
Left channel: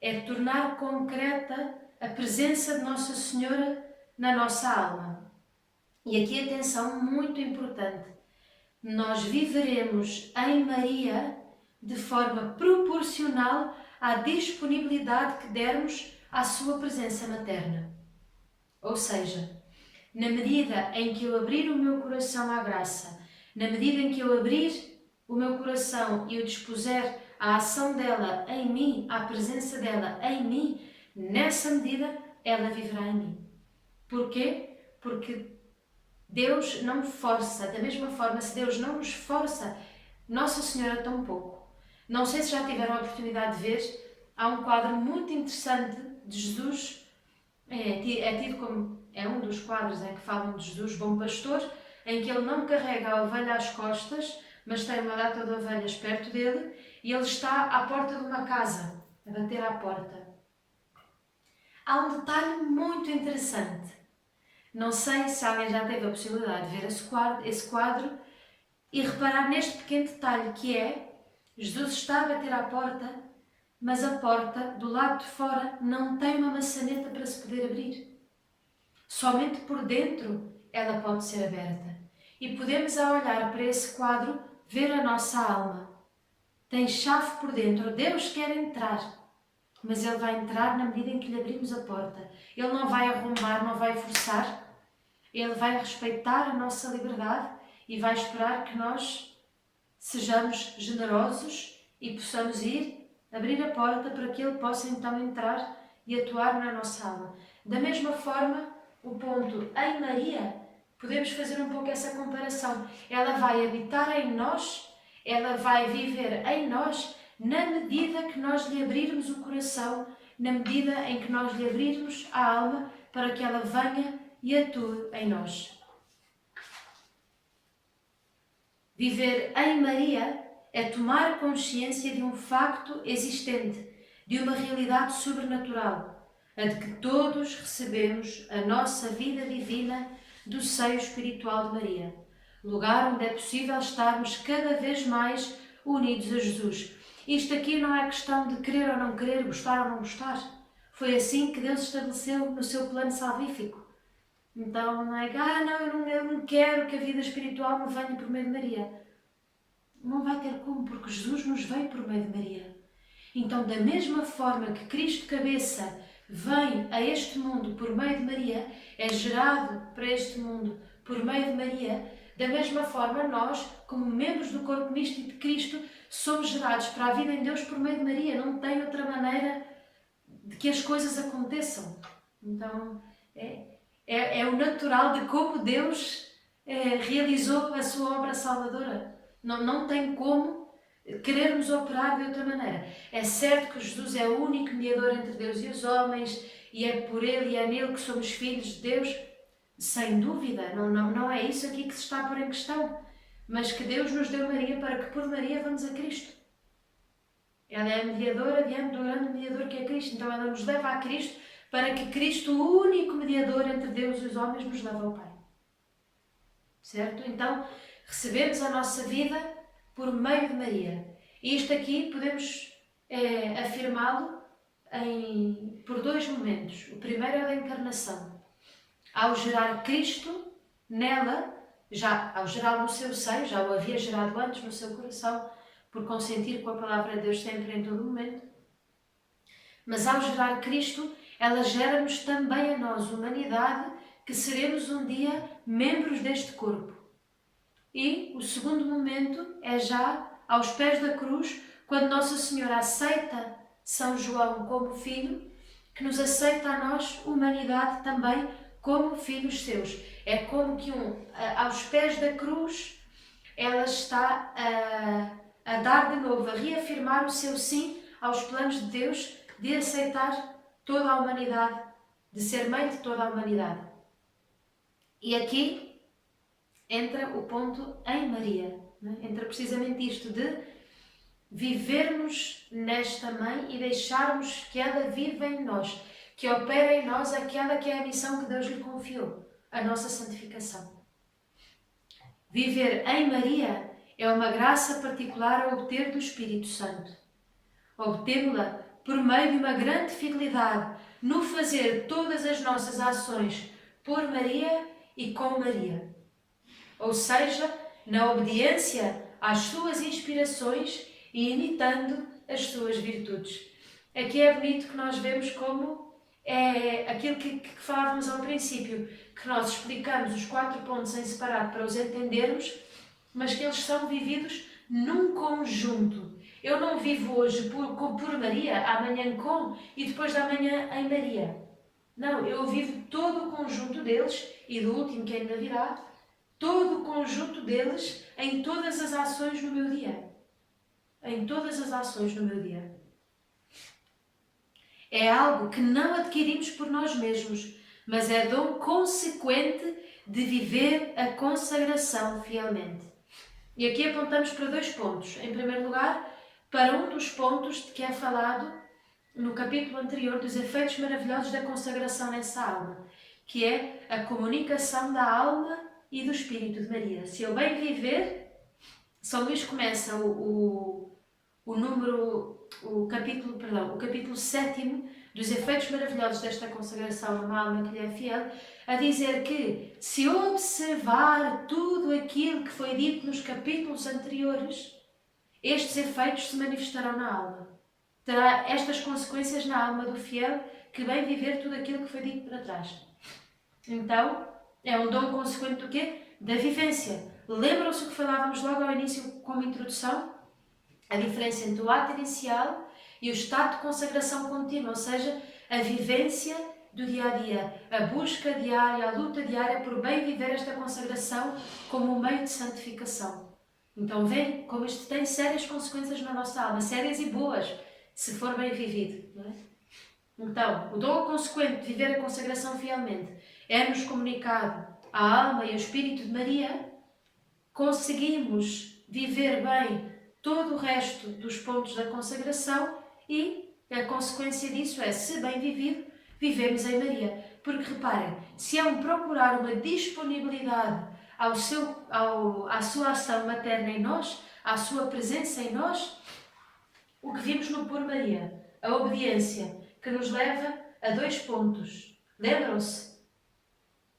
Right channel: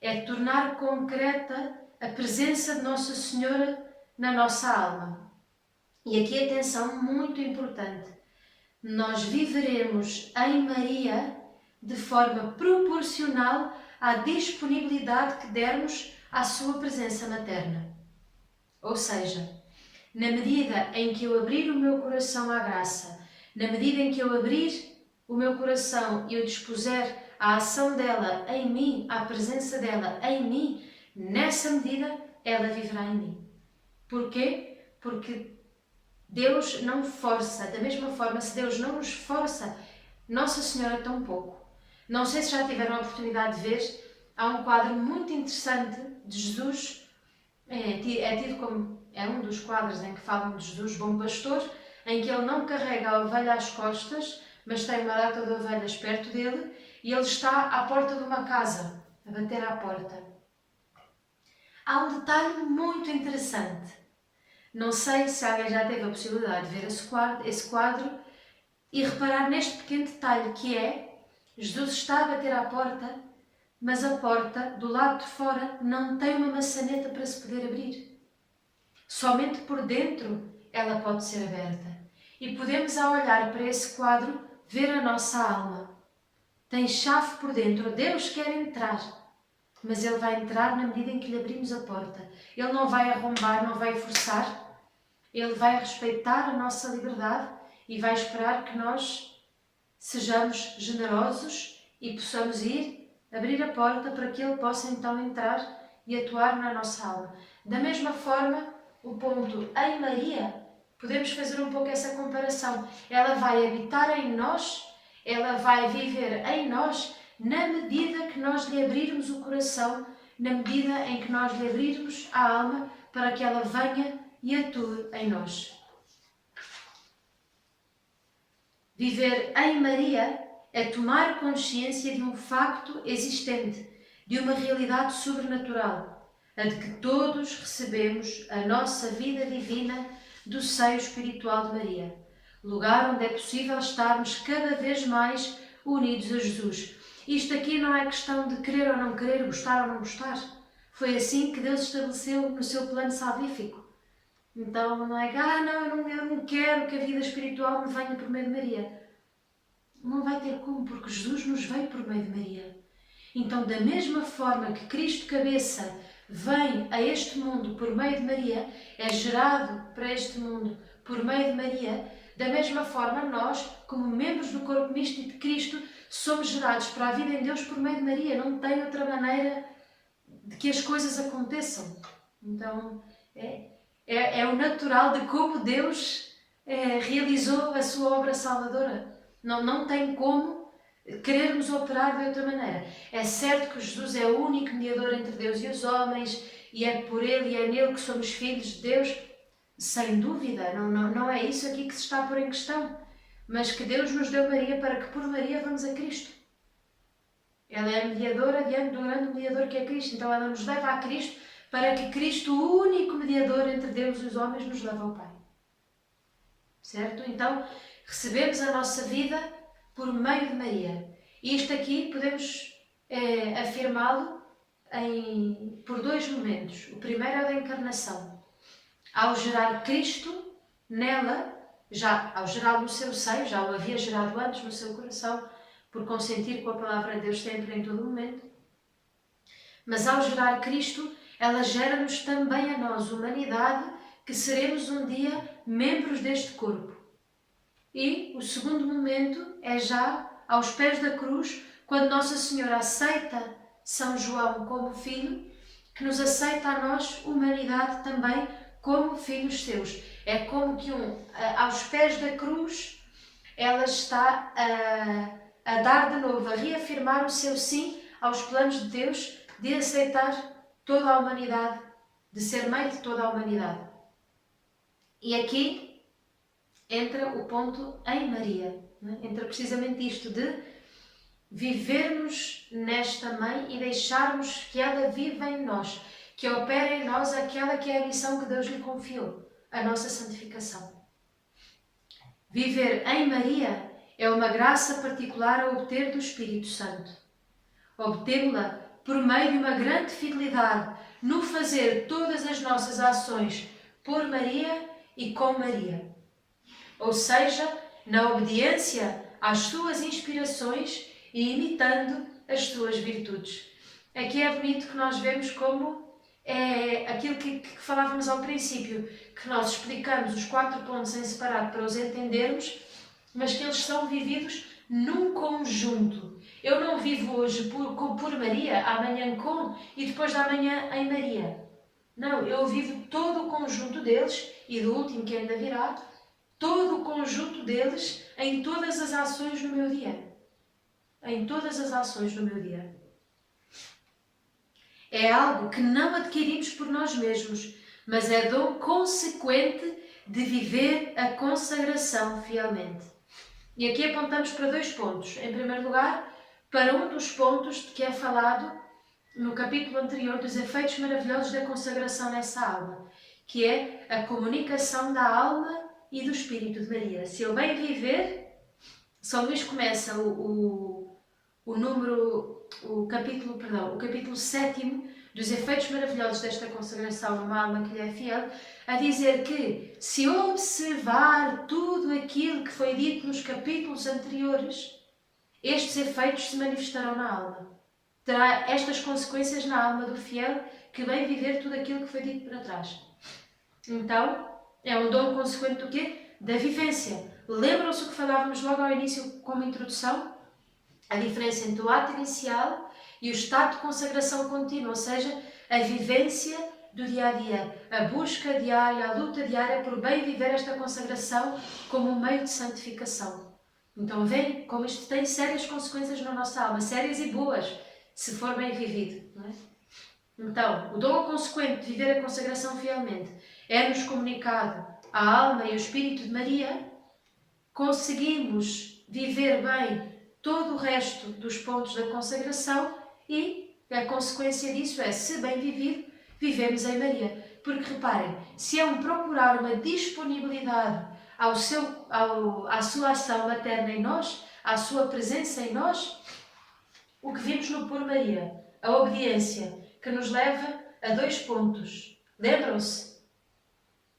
É tornar concreta a presença de Nossa Senhora na nossa alma. E aqui atenção muito importante: nós viveremos em Maria de forma proporcional à disponibilidade que dermos à sua presença materna. Ou seja, na medida em que eu abrir o meu coração à graça, na medida em que eu abrir o meu coração e o dispuser à ação dela em mim, à presença dela em mim, nessa medida ela viverá em mim. Porquê? Porque Deus não força. Da mesma forma, se Deus não nos força, Nossa Senhora tão pouco. Não sei se já tiveram a oportunidade de ver, há um quadro muito interessante de Jesus, é tido como, é um dos quadros em que falam de Jesus, bom pastor, em que ele não carrega a ovelha às costas, mas tem uma data de ovelhas perto dele, e ele está à porta de uma casa, a bater à porta. Há um detalhe muito interessante. Não sei se alguém já teve a possibilidade de ver esse quadro e reparar neste pequeno detalhe que é, Jesus está a bater à porta, mas a porta do lado de fora não tem uma maçaneta para se poder abrir. Somente por dentro ela pode ser aberta. E podemos, ao olhar para esse quadro, ver a nossa alma. Tem chave por dentro. Deus quer entrar, mas Ele vai entrar na medida em que lhe abrimos a porta. Ele não vai arrombar, não vai forçar. Ele vai respeitar a nossa liberdade e vai esperar que nós sejamos generosos e possamos ir, abrir a porta para que Ele possa então entrar e atuar na nossa alma. Da mesma forma, o ponto em Maria, podemos fazer um pouco essa comparação. Ela vai habitar em nós, ela vai viver em nós, na medida que nós lhe abrirmos o coração, na medida em que nós lhe abrirmos a alma para que ela venha e atue em nós. Viver em Maria é tomar consciência de um facto existente, de uma realidade sobrenatural, a de que todos recebemos a nossa vida divina do seio espiritual de Maria, lugar onde é possível estarmos cada vez mais unidos a Jesus. Isto aqui não é questão de querer ou não querer, gostar ou não gostar. Foi assim que Deus estabeleceu no seu plano salvífico. Então não é que, eu não quero que a vida espiritual me venha por meio de Maria. Não vai ter como, porque Jesus nos veio por meio de Maria. Então, da mesma forma que Cristo cabeça vem a este mundo por meio de Maria, é gerado para este mundo por meio de Maria, da mesma forma nós, como membros do corpo místico de Cristo, somos gerados para a vida em Deus por meio de Maria. Não tem outra maneira de que as coisas aconteçam. Então, é o natural de como Deus realizou a sua obra salvadora. Não tem como querermos operar de outra maneira. É certo que Jesus é o único mediador entre Deus e os homens, e é por Ele e é nele que somos filhos de Deus, sem dúvida, não é isso aqui que se está a pôr em questão, mas que Deus nos deu Maria para que por Maria vamos a Cristo. Ela é a mediadora diante do grande mediador que é Cristo, então ela nos leva a Cristo para que Cristo, o único mediador entre Deus e os homens, nos leve ao Pai. Certo? Então, recebemos a nossa vida por meio de Maria. E isto aqui podemos afirmá-lo por dois momentos. O primeiro é o da encarnação. Ao gerar Cristo nela, ao gerá-lo no seu seio, já o havia gerado antes no seu coração, por consentir com a palavra de Deus sempre em todo momento. Mas ao gerar Cristo, ela gera-nos também a nós, humanidade, que seremos um dia membros deste corpo. E o segundo momento é já aos pés da cruz, quando Nossa Senhora aceita São João como filho, que nos aceita a nós, humanidade, também como filhos seus. É como que aos pés da cruz, ela está a dar de novo, a reafirmar o seu sim aos planos de Deus de aceitar toda a humanidade, de ser mãe de toda a humanidade. E aqui entra o ponto em Maria, entra precisamente isto de vivermos nesta mãe e deixarmos que ela viva em nós, que opere em nós aquela que é a missão que Deus lhe confiou, a nossa santificação. Viver em Maria é uma graça particular a obter do Espírito Santo. Obtemo-la por meio de uma grande fidelidade no fazer todas as nossas ações por Maria e com Maria. Ou seja, na obediência às suas inspirações e imitando as suas virtudes. Aqui é bonito que nós vemos como é aquilo que falávamos ao princípio, que nós explicamos os 4 pontos em separado para os entendermos, mas que eles são vividos num conjunto. Eu não vivo hoje por Maria, amanhã com e depois da manhã em Maria. Não, eu vivo todo o conjunto deles, e do último que ainda virá, todo o conjunto deles em todas as ações no meu dia. Em todas as ações no meu dia. É algo que não adquirimos por nós mesmos, mas é dom consequente de viver a consagração fielmente. E aqui apontamos para 2 pontos. Em primeiro lugar, para um dos pontos de que é falado no capítulo anterior dos efeitos maravilhosos da consagração nessa alma, que é a comunicação da alma e do Espírito de Maria. Se eu bem viver, São Luís começa o capítulo 7 dos efeitos maravilhosos desta consagração numa alma que lhe é fiel, a dizer que se observar tudo aquilo que foi dito nos capítulos anteriores, estes efeitos se manifestarão na alma. Terá estas consequências na alma do fiel que bem viver tudo aquilo que foi dito para trás. Então, é um dom consequente do quê? Da vivência. Lembram-se o que falávamos logo ao início como introdução? A diferença entre o ato inicial e o estado de consagração contínua, ou seja, a vivência do dia-a-dia, a busca diária, a luta diária por bem viver esta consagração como um meio de santificação. Então veem como isto tem sérias consequências na nossa alma, sérias e boas, se for bem vivido. Não é? Então, o dom consequente de viver a consagração fielmente é-nos comunicado à alma e ao Espírito de Maria. Conseguimos viver bem todo o resto dos pontos da consagração e a consequência disso é, se bem vivido, vivemos em Maria. Porque reparem, se é um procurar uma disponibilidade à sua ação materna em nós, à sua presença em nós, o que vimos no Por Maria, a obediência, que nos leva a 2 pontos. Lembram-se?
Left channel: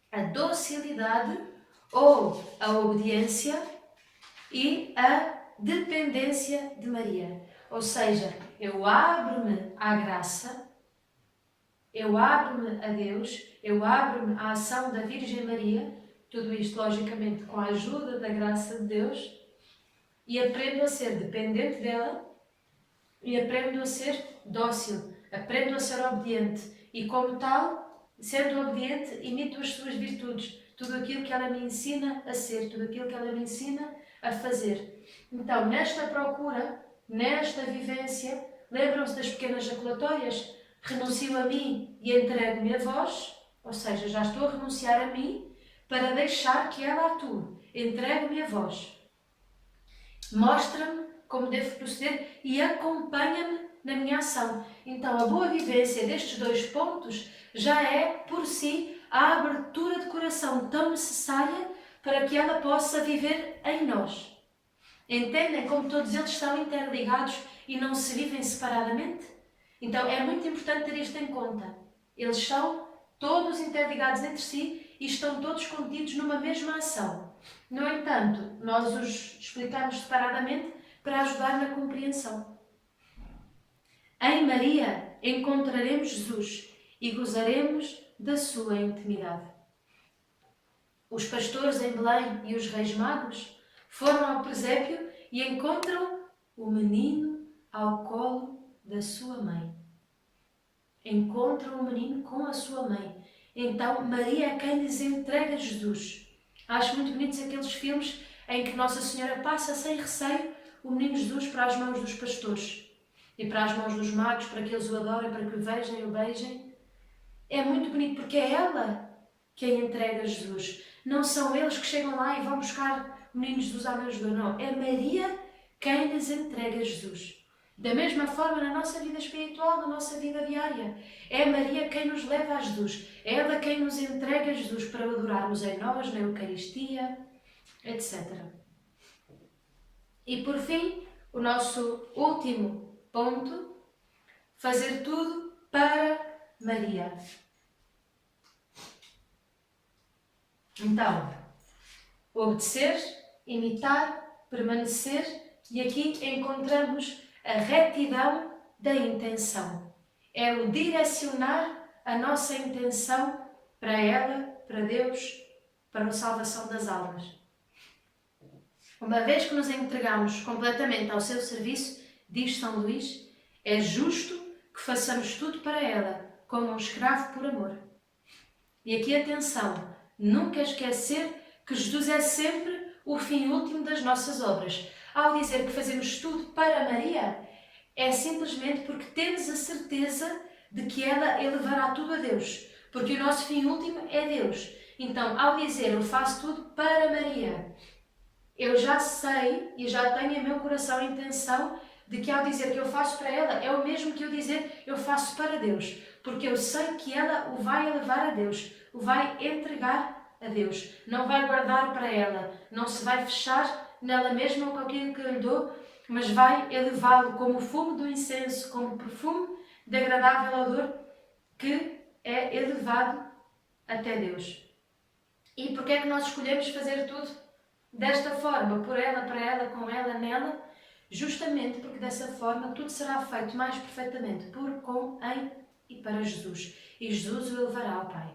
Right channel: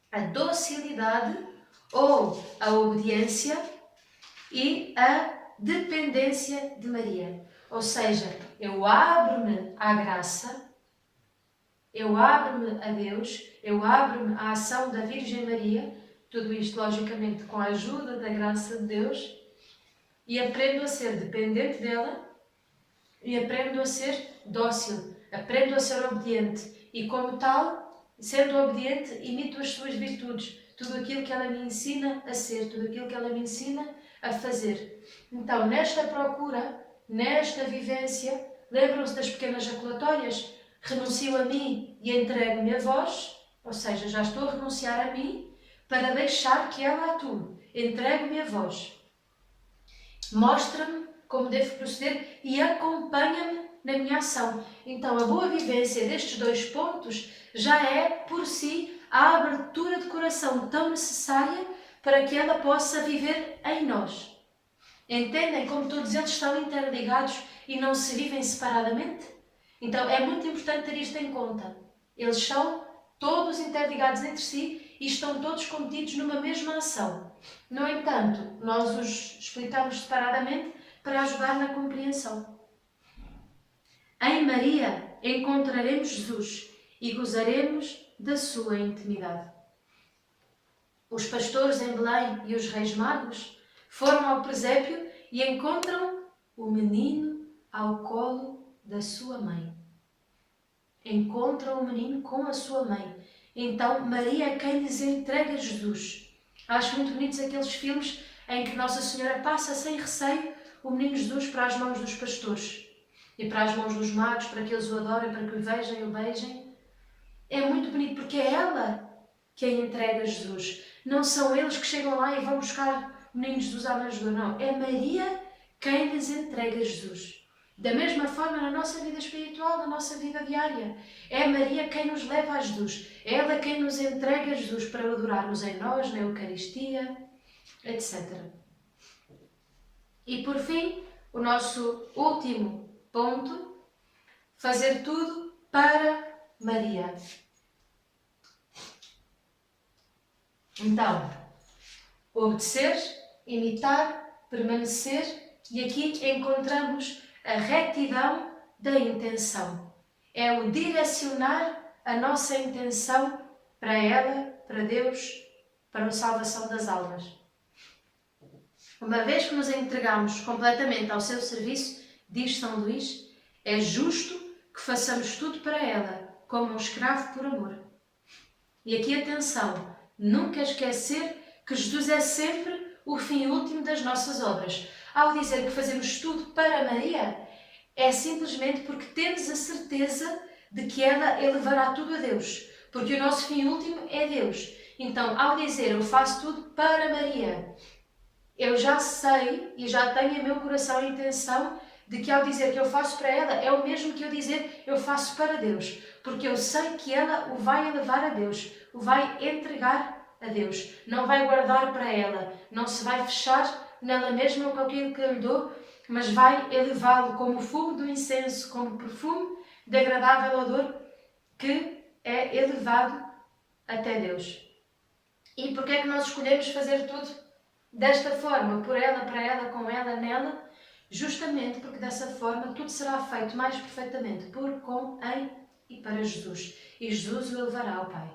A docilidade ou a obediência e a dependência de Maria. Ou seja, eu abro-me à graça, eu abro-me a Deus, eu abro-me à ação da Virgem Maria, tudo isto logicamente com a ajuda da graça de Deus, e aprendo a ser dependente dela e aprendo a ser dócil, aprendo a ser obediente e como tal, sendo obediente, imito as suas virtudes, tudo aquilo que ela me ensina a ser, tudo aquilo que ela me ensina a fazer. Então, nesta procura, nesta vivência, lembram-se das pequenas jaculatórias? Renuncio a mim e entrego-me a vós, ou seja, já estou a renunciar a mim para deixar que ela atue. Entrego-me a vós. Mostra-me como devo proceder e acompanha-me na minha ação. Então, a boa vivência destes 2 pontos já é, por si, a abertura de coração tão necessária para que ela possa viver em nós. Entendem como todos eles estão interligados e não se vivem separadamente? Então, é muito importante ter isto em conta. Eles são todos interligados entre si e estão todos contidos numa mesma ação. No entanto, nós os explicamos separadamente para ajudar na compreensão. Em Maria encontraremos Jesus e gozaremos da sua intimidade. Os pastores em Belém e os reis magos foram ao presépio e encontram o menino ao colo da sua mãe. Encontram o menino com a sua mãe. Então Maria é quem lhes entrega Jesus. Acho muito bonitos aqueles filmes em que Nossa Senhora passa sem receio o menino Jesus para as mãos dos pastores e para as mãos dos magos, para que eles o adorem, para que o vejam e o beijem. É muito bonito porque é ela quem entrega Jesus. Não são eles que chegam lá e vão buscar o menino Jesus à manjedoura, não. É Maria quem lhes entrega Jesus. Da mesma forma na nossa vida espiritual, na nossa vida diária. É Maria quem nos leva a Jesus. É ela quem nos entrega Jesus para adorarmos em nós, na Eucaristia, etc. E por fim, o nosso último ponto, fazer tudo para Maria. Então, obedecer, imitar, permanecer E aqui encontramos a retidão da intenção. É o direcionar a nossa intenção para ela, para Deus, para a salvação das almas. Uma vez que nos entregamos completamente ao seu serviço, diz São Luís, é justo que façamos tudo para ela, como um escravo por amor. E aqui atenção, nunca esquecer que Jesus é sempre o fim último das nossas obras. Ao dizer que fazemos tudo para Maria, é simplesmente porque temos a certeza de que ela elevará tudo a Deus. Porque o nosso fim último é Deus. Então, ao dizer eu faço tudo para Maria, eu já sei e já tenho em meu coração a intenção de que ao dizer que eu faço para ela, é o mesmo que eu dizer eu faço para Deus. Porque eu sei que ela o vai elevar a Deus, o vai entregar a Deus. Não vai guardar para ela, não se vai fechar nela mesma com aquilo que eu lhe dou, mas vai elevá-lo como o fumo do incenso, como o perfume de agradável odor que é elevado até Deus. E porquê é que nós escolhemos fazer tudo desta forma, por ela, para ela, com ela, nela? Justamente porque dessa forma tudo será feito mais perfeitamente por, com, em e para Jesus. E Jesus o elevará ao Pai.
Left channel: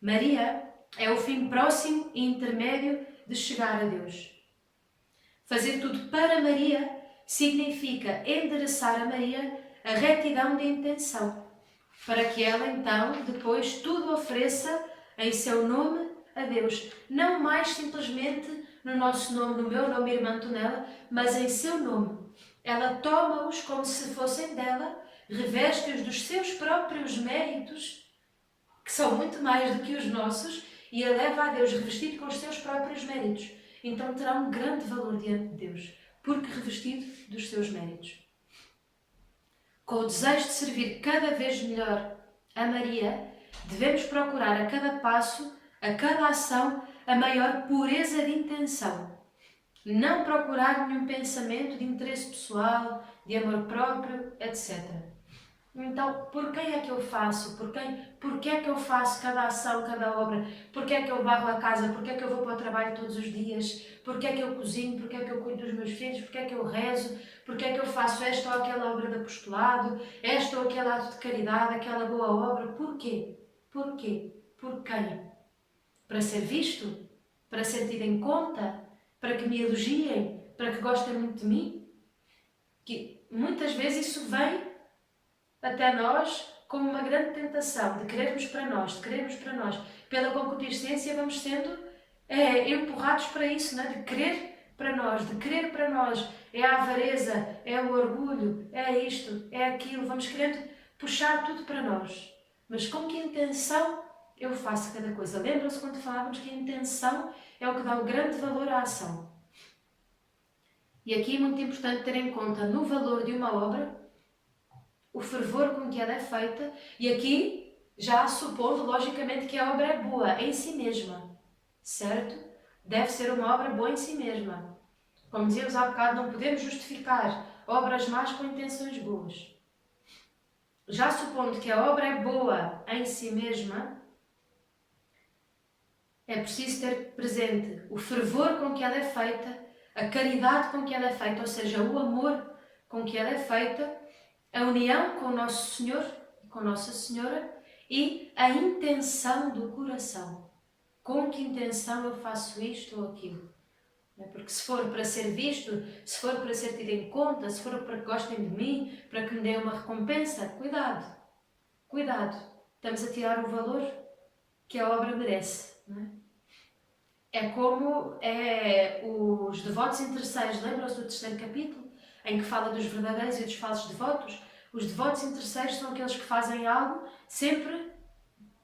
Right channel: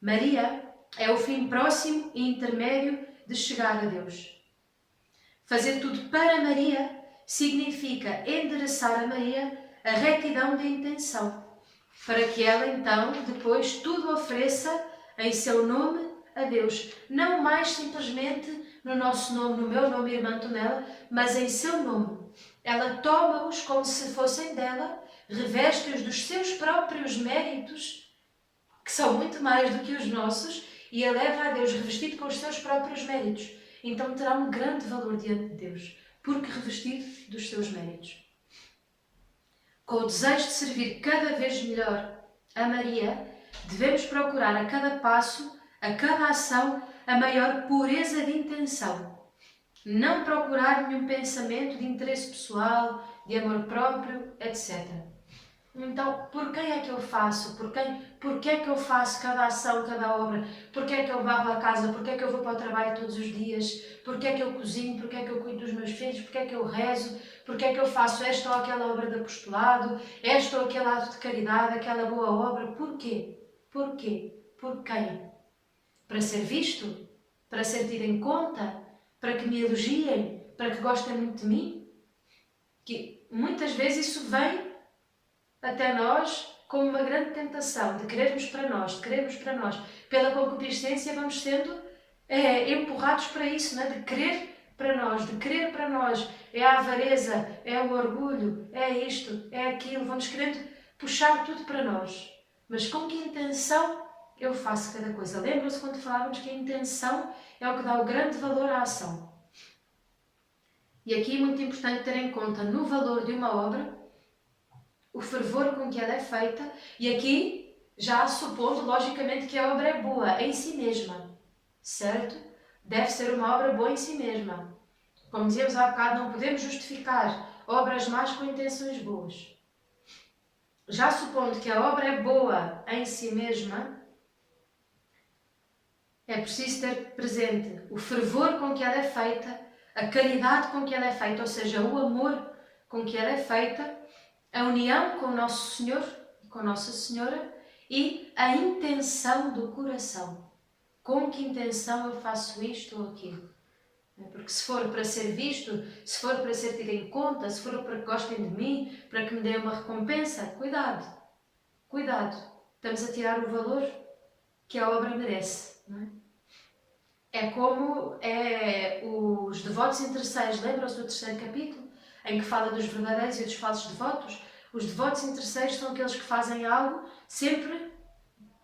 Maria é o fim próximo e intermédio de chegar a Deus. Fazer tudo para Maria significa endereçar a Maria a retidão de intenção, para que ela então depois tudo ofereça em seu nome a Deus. Não mais simplesmente no nosso nome, no meu nome, irmã Antonella, mas em seu nome. Ela toma-os como se fossem dela, reveste-os dos seus próprios méritos, que são muito mais do que os nossos, e a leva a Deus revestido com os seus próprios méritos. Então terá um grande valor diante de Deus, porque revestido dos seus méritos. Com o desejo de servir cada vez melhor a Maria, devemos procurar a cada passo, a cada ação, a maior pureza de intenção. Não procurar nenhum pensamento de interesse pessoal, de amor próprio, etc. Então, por quem é que eu faço? Porquê é que eu faço cada ação, cada obra? Porquê é que eu varro a casa? Porquê é que eu vou para o trabalho todos os dias? Porquê é que eu cozinho? Porquê é que eu cuido dos meus filhos? Porquê é que eu rezo? Porquê é que eu faço esta ou aquela obra de apostolado? Esta ou aquele ato de caridade? Aquela boa obra? Porquê? Porquê? Por quem? Para ser visto? Para ser tido em conta? Para que me elogiem? Para que gostem muito de mim? Que muitas vezes isso vem até nós como uma grande tentação de querermos para nós. Pela concupiscência vamos sendo empurrados para isso, não é? De querer para nós. É a avareza, é o orgulho, é isto, é aquilo. Vamos querendo puxar tudo para nós. Mas com que intenção eu faço cada coisa? Lembram-se quando falávamos que a intenção é o que dá o grande valor à ação. E aqui é muito importante ter em conta no valor de uma obra o fervor com que ela é feita, e aqui já supondo logicamente que a obra é boa em si mesma, certo? Deve ser uma obra boa em si mesma. Como dizíamos há bocado, não podemos justificar obras más com intenções boas. Já supondo que a obra é boa em si mesma, é preciso ter presente o fervor com que ela é feita, a caridade com que ela é feita, ou seja, o amor com que ela é feita, a união com o Nosso Senhor, com Nossa Senhora, e a intenção do coração. Com que intenção eu faço isto ou aquilo? Porque se for para ser visto, se for para ser tido em conta, se for para que gostem de mim, para que me deem uma recompensa, cuidado, cuidado. Estamos a tirar o valor que a obra merece, não é? É como os devotos interesseiros, lembram-se do 3º capítulo, em que fala dos verdadeiros e dos falsos devotos? Os devotos interesseiros são aqueles que fazem algo sempre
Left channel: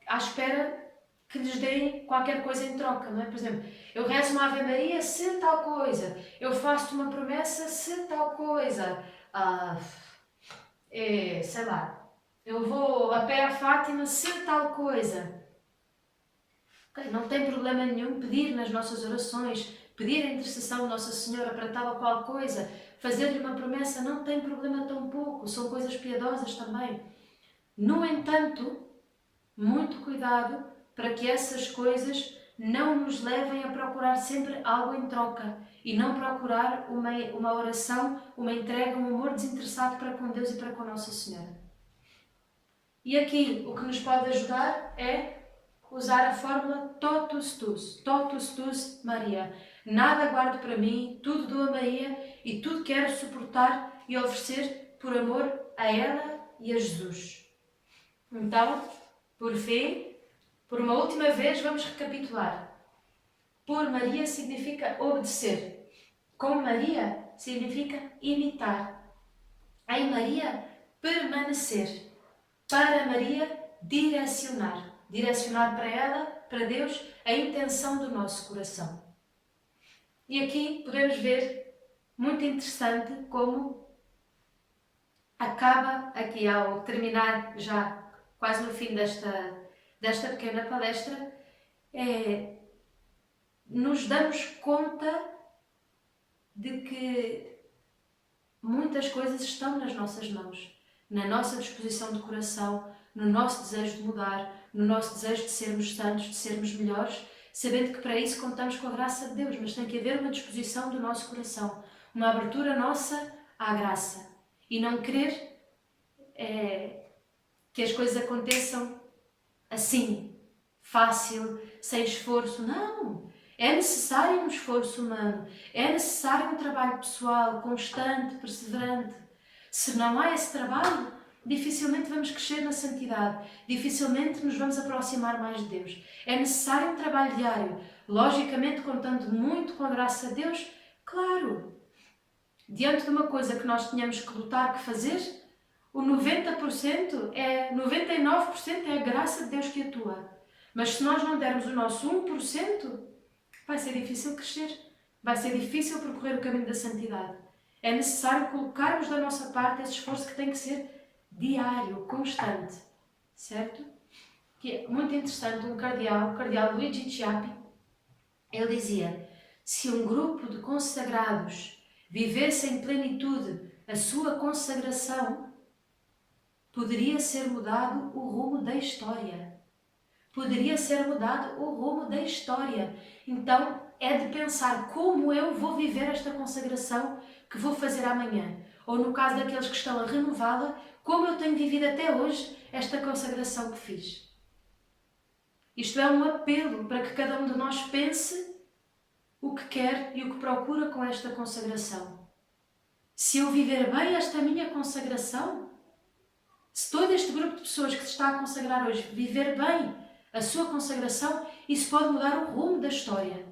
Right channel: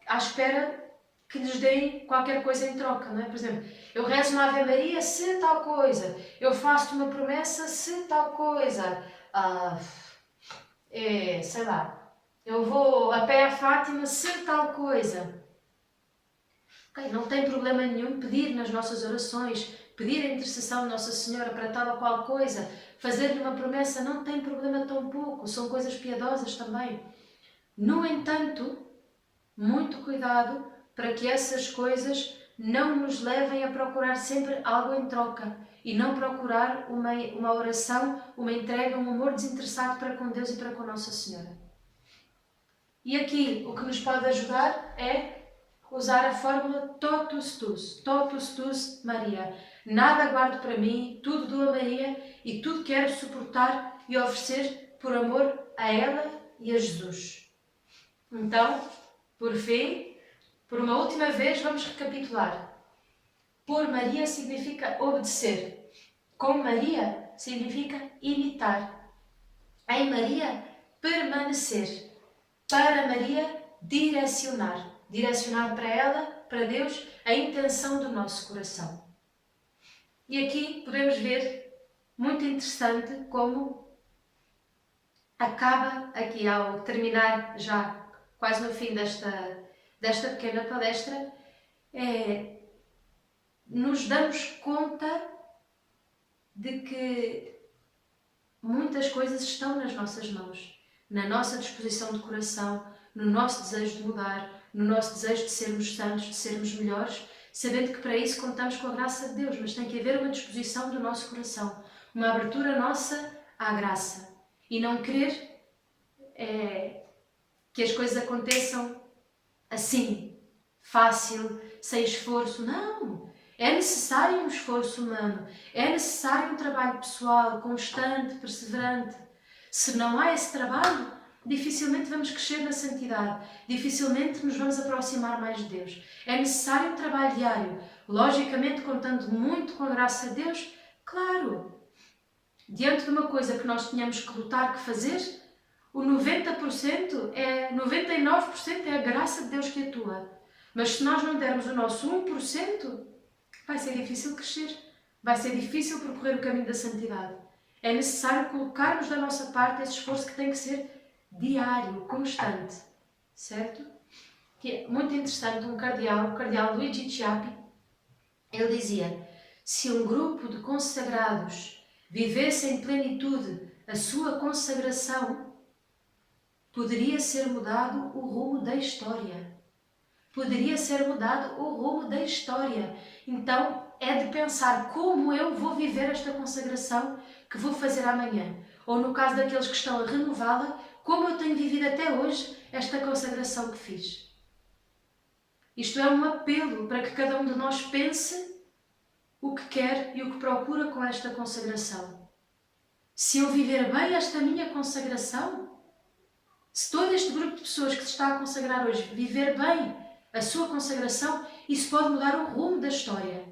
à espera que lhes deem qualquer coisa em troca, não é? Por exemplo, eu rezo uma Ave Maria se tal coisa, eu faço-te uma promessa se tal coisa, sei lá, eu vou a pé a Fátima se tal coisa. Okay, não tem problema nenhum pedir nas nossas orações, pedir a intercessão de Nossa Senhora para tal ou qual coisa, fazer-lhe uma promessa, não tem problema tão pouco, são coisas piedosas também. No entanto, muito cuidado para que essas coisas não nos levem a procurar sempre algo em troca e não procurar uma oração, uma entrega, um amor desinteressado para com Deus e para com Nossa Senhora. E aqui o que nos pode ajudar é usar a fórmula totus tus Maria. Nada guardo para mim, tudo dou a Maria e tudo quero suportar e oferecer por amor a ela e a Jesus. Então, por fim, por uma última vez, vamos recapitular. Por Maria significa obedecer. Com Maria significa imitar. Em Maria, permanecer. Para Maria, direcionar. Direcionar para ela, para Deus, a intenção do nosso coração. E aqui podemos ver, muito interessante, como acaba, aqui ao terminar já quase no fim desta pequena palestra, nos damos conta de que muitas coisas estão nas nossas mãos, na nossa disposição de coração, no nosso desejo de mudar, no nosso desejo de sermos santos, de sermos melhores, sabendo que para isso contamos com a graça de Deus, mas tem que haver uma disposição do nosso coração, uma abertura nossa à graça e não querer que as coisas aconteçam assim, fácil, sem esforço. Não! É necessário um esforço humano, é necessário um trabalho pessoal, constante, perseverante. Se não há esse trabalho, dificilmente vamos crescer na santidade, dificilmente nos vamos aproximar mais de Deus. É necessário um trabalho diário, logicamente contando muito com a graça de Deus, claro. Diante de uma coisa que nós tínhamos que lutar, que fazer, o 99% é a graça de Deus que atua. Mas se nós não dermos o nosso 1%, vai ser difícil crescer, vai ser difícil percorrer o caminho da santidade. É necessário colocarmos da nossa parte esse esforço que tem que ser diário, constante, certo? Que é muito interessante, o cardeal Luigi Chiappi, ele dizia: se um grupo de consagrados vivesse em plenitude a sua consagração, poderia ser mudado o rumo da história. Poderia ser mudado o rumo da história. Então, é de pensar como eu vou viver esta consagração que vou fazer amanhã. Ou no caso daqueles que estão a renová-la, como eu tenho vivido até hoje esta consagração que fiz. Isto é um apelo para que cada um de nós pense o que quer e o que procura com esta consagração. Se eu viver bem esta minha consagração, se todo este grupo de pessoas que se está a consagrar hoje viver bem a sua consagração, isso pode mudar o rumo da história.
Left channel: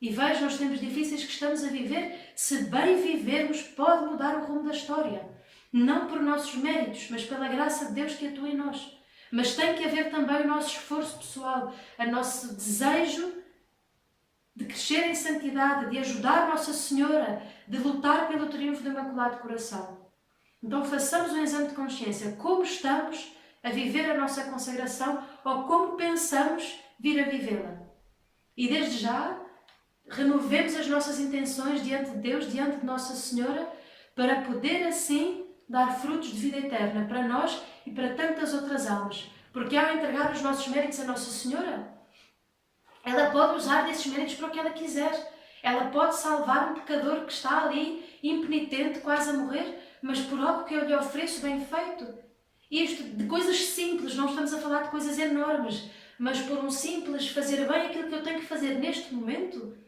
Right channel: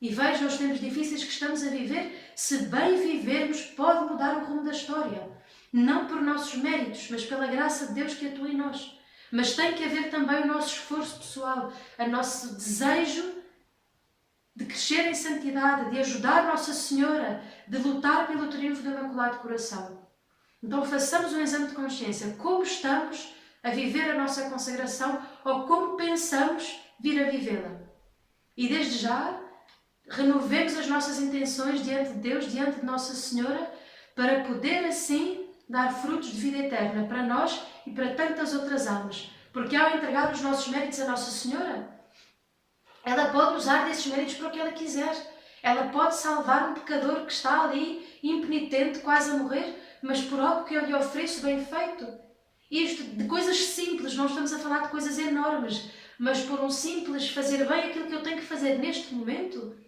E vejam os tempos difíceis que estamos a viver, se bem vivermos, pode mudar o rumo da história. Não por nossos méritos, mas pela graça de Deus que atua em nós. Mas tem que haver também o nosso esforço pessoal, o nosso desejo de crescer em santidade, de ajudar Nossa Senhora, de lutar pelo triunfo do Imaculado Coração. Então façamos um exame de consciência. Como estamos a viver a nossa consagração ou como pensamos vir a vivê-la? E desde já, renovemos as nossas intenções diante de Deus, diante de Nossa Senhora, para poder assim dar frutos de vida eterna para nós e para tantas outras almas. Porque ao entregar os nossos méritos a Nossa Senhora, ela pode usar desses méritos para o que ela quiser. Ela pode salvar um pecador que está ali, impenitente, quase a morrer, mas por algo que eu lhe ofereço bem feito. Isto de coisas simples, não estamos a falar de coisas enormes, mas por um simples fazer bem aquilo que eu tenho que fazer neste momento.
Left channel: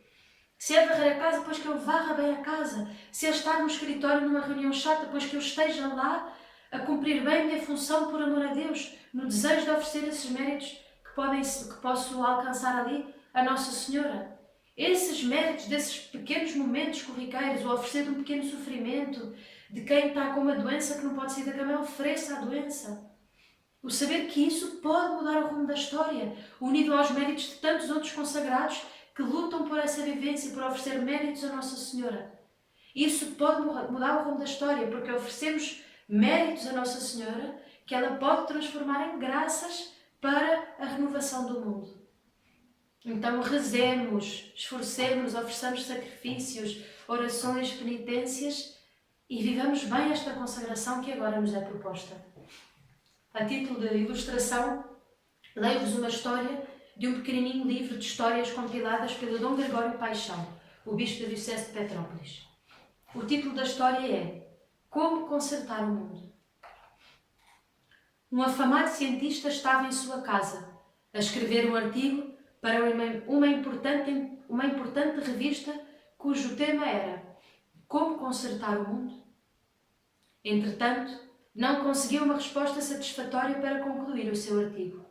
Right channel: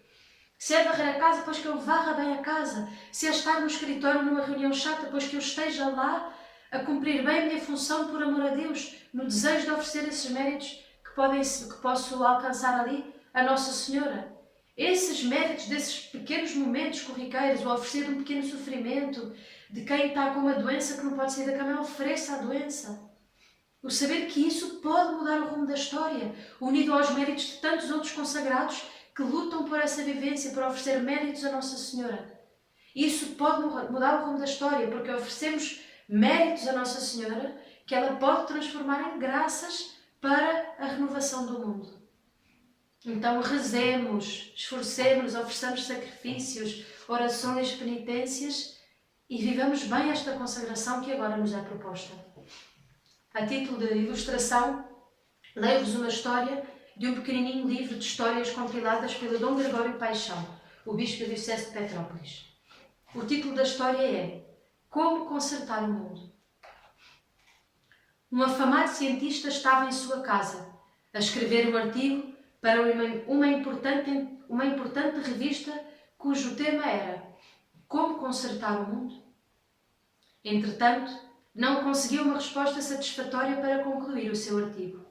Se é varrer a casa, pois que eu varra bem a casa. Se é estar no escritório numa reunião chata, pois que eu esteja lá a cumprir bem a minha função por amor a Deus, no desejo de oferecer esses méritos que posso alcançar ali a Nossa Senhora. Esses méritos desses pequenos momentos corriqueiros, o oferecer de um pequeno sofrimento, de quem está com uma doença que não pode sair da cama, eu ofereço a doença. O saber que isso pode mudar o rumo da história, unido aos méritos de tantos outros consagrados que lutam por essa vivência, por oferecer méritos a Nossa Senhora. Isso pode mudar o rumo da história, porque oferecemos méritos a Nossa Senhora que ela pode transformar em graças para a renovação do mundo. Então rezemos, esforcemos, ofereçamos sacrifícios, orações, penitências e vivamos bem esta consagração que agora nos é proposta. A título de ilustração, leio-vos uma história de um pequenininho livro de histórias compiladas pelo Dom Gregório Paixão, o bispo da Diocese de Petrópolis. O título da história é Como Consertar o Mundo. Um afamado cientista estava em sua casa a escrever um artigo para uma importante revista cujo tema era Como Consertar o Mundo. Entretanto, não conseguiu uma resposta satisfatória para concluir o seu artigo.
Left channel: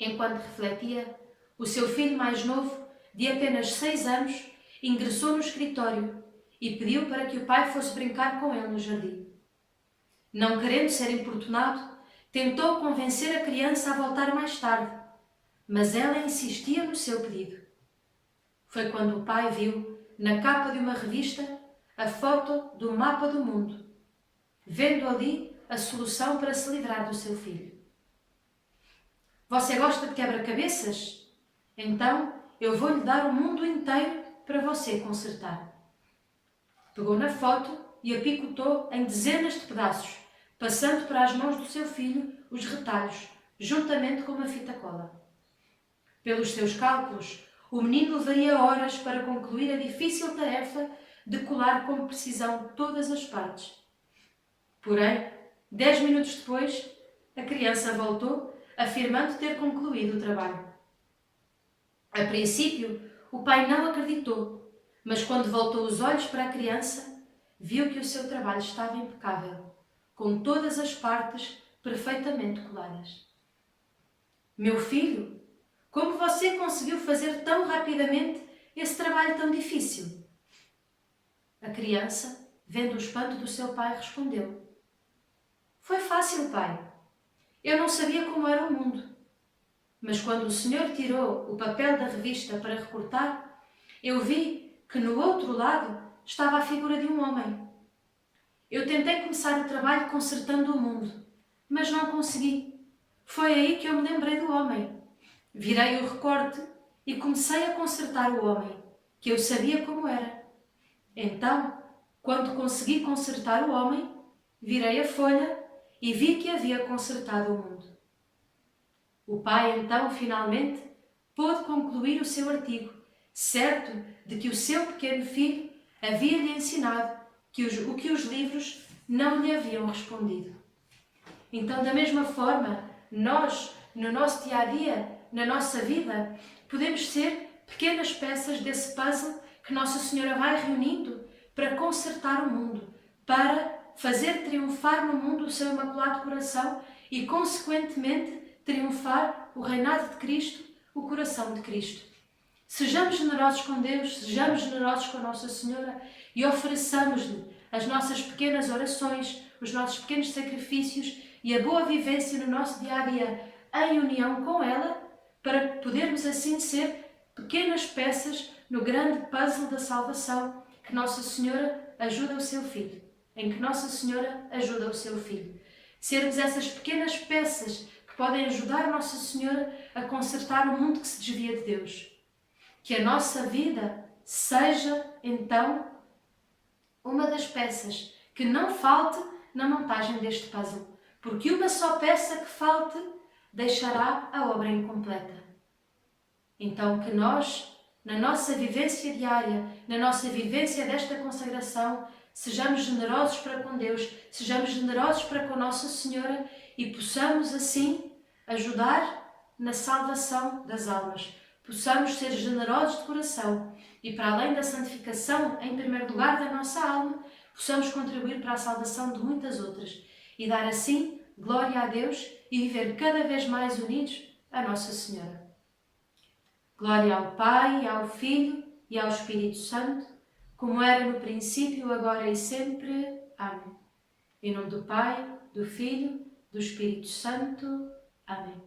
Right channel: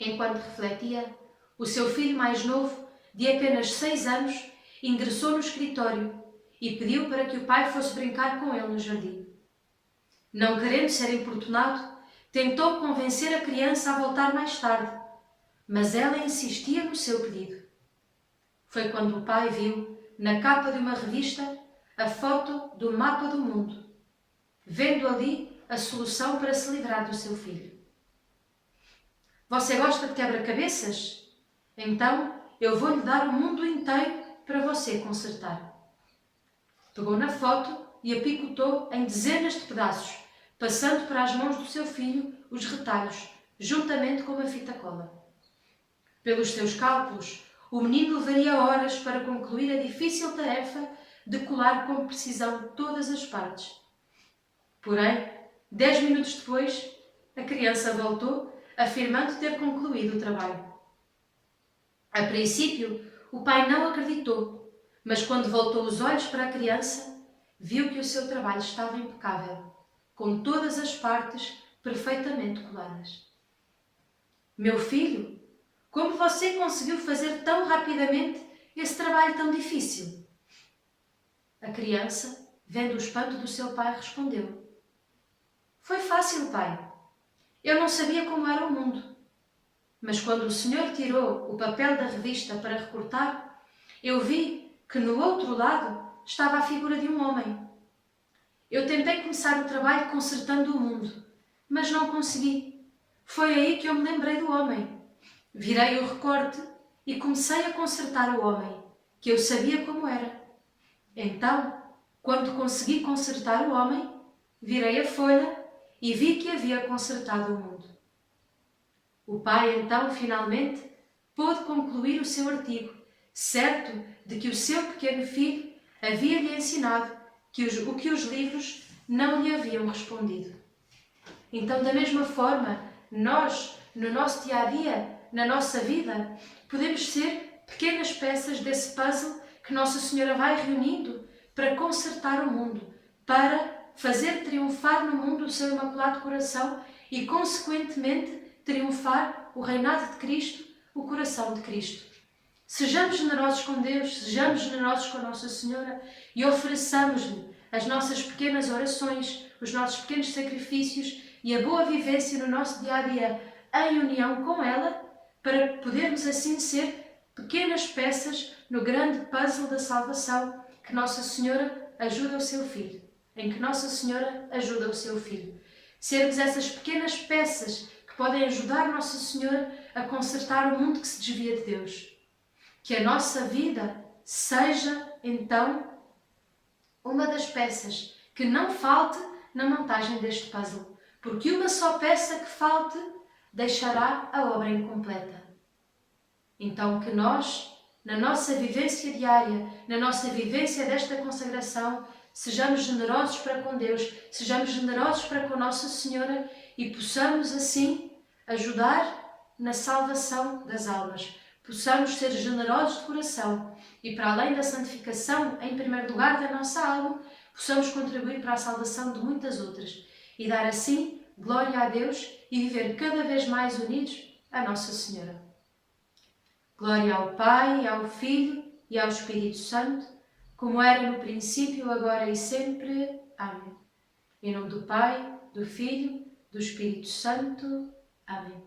Enquanto refletia, o seu filho mais novo, de apenas 6 anos, ingressou no escritório e pediu para que o pai fosse brincar com ele no jardim. Não querendo ser importunado, tentou convencer a criança a voltar mais tarde, mas ela insistia no seu pedido. Foi quando o pai viu, na capa de uma revista, a foto do mapa do mundo, vendo ali a solução para se livrar do seu filho. Você gosta de quebra-cabeças? Então eu vou-lhe dar o mundo inteiro para você consertar. Pegou na foto e a picotou em dezenas de pedaços, passando para as mãos do seu filho os retalhos, juntamente com uma fita cola. Pelos seus cálculos, o menino levaria horas para concluir a difícil tarefa de colar com precisão todas as partes. Porém, 10 minutos depois, a criança voltou, afirmando ter concluído o trabalho. A princípio, o pai não acreditou, mas quando voltou os olhos para a criança, viu que o seu trabalho estava impecável, com todas as partes perfeitamente coladas. Meu filho, como você conseguiu fazer tão rapidamente esse trabalho tão difícil? A criança, vendo o espanto do seu pai, respondeu: Foi fácil, pai. Eu não sabia como era o mundo. Mas quando o senhor tirou o papel da revista para recortar, eu vi que no outro lado estava a figura de um homem. Eu tentei começar o trabalho consertando o mundo, mas não consegui. Foi aí que eu me lembrei do homem. Virei o recorte e comecei a consertar o homem, que eu sabia como era. Então, quando consegui consertar o homem, virei a folha e vi que havia consertado o mundo. O pai, então, finalmente, pôde concluir o seu artigo, certo de que o seu pequeno filho havia-lhe ensinado o que os livros não lhe haviam respondido. Então, da mesma forma, nós, no nosso dia-a-dia, na nossa vida, podemos ser pequenas peças desse puzzle que Nossa Senhora vai reunindo para consertar o mundo, para fazer triunfar no mundo o seu Imaculado Coração e, consequentemente, triunfar o reinado de Cristo, o coração de Cristo. Sejamos generosos com Deus, sejamos generosos com Nossa Senhora e ofereçamos-lhe as nossas pequenas orações, os nossos pequenos sacrifícios e a boa vivência no nosso dia-a-dia em união com ela, para podermos assim ser pequenas peças no grande puzzle da salvação que Nossa Senhora ajuda o seu Filho, em que Nossa Senhora ajuda o seu Filho. Sermos essas pequenas peças que podem ajudar Nossa Senhora a consertar o mundo que se desvia de Deus. Que a nossa vida seja, então, uma das peças que não falte na montagem deste puzzle, porque uma só peça que falte deixará a obra incompleta. Então, que nós, na nossa vivência diária, na nossa vivência desta consagração, sejamos generosos para com Deus, sejamos generosos para com Nossa Senhora e possamos, assim, ajudar na salvação das almas. Possamos ser generosos de coração e, para além da santificação, em primeiro lugar, da nossa alma, possamos contribuir para a salvação de muitas outras e dar, assim, glória a Deus e viver cada vez mais unidos a Nossa Senhora. Glória ao Pai, ao Filho e ao Espírito Santo, como era no princípio, agora e sempre. Amém. Em nome do Pai, do Filho, do Espírito Santo. Amém.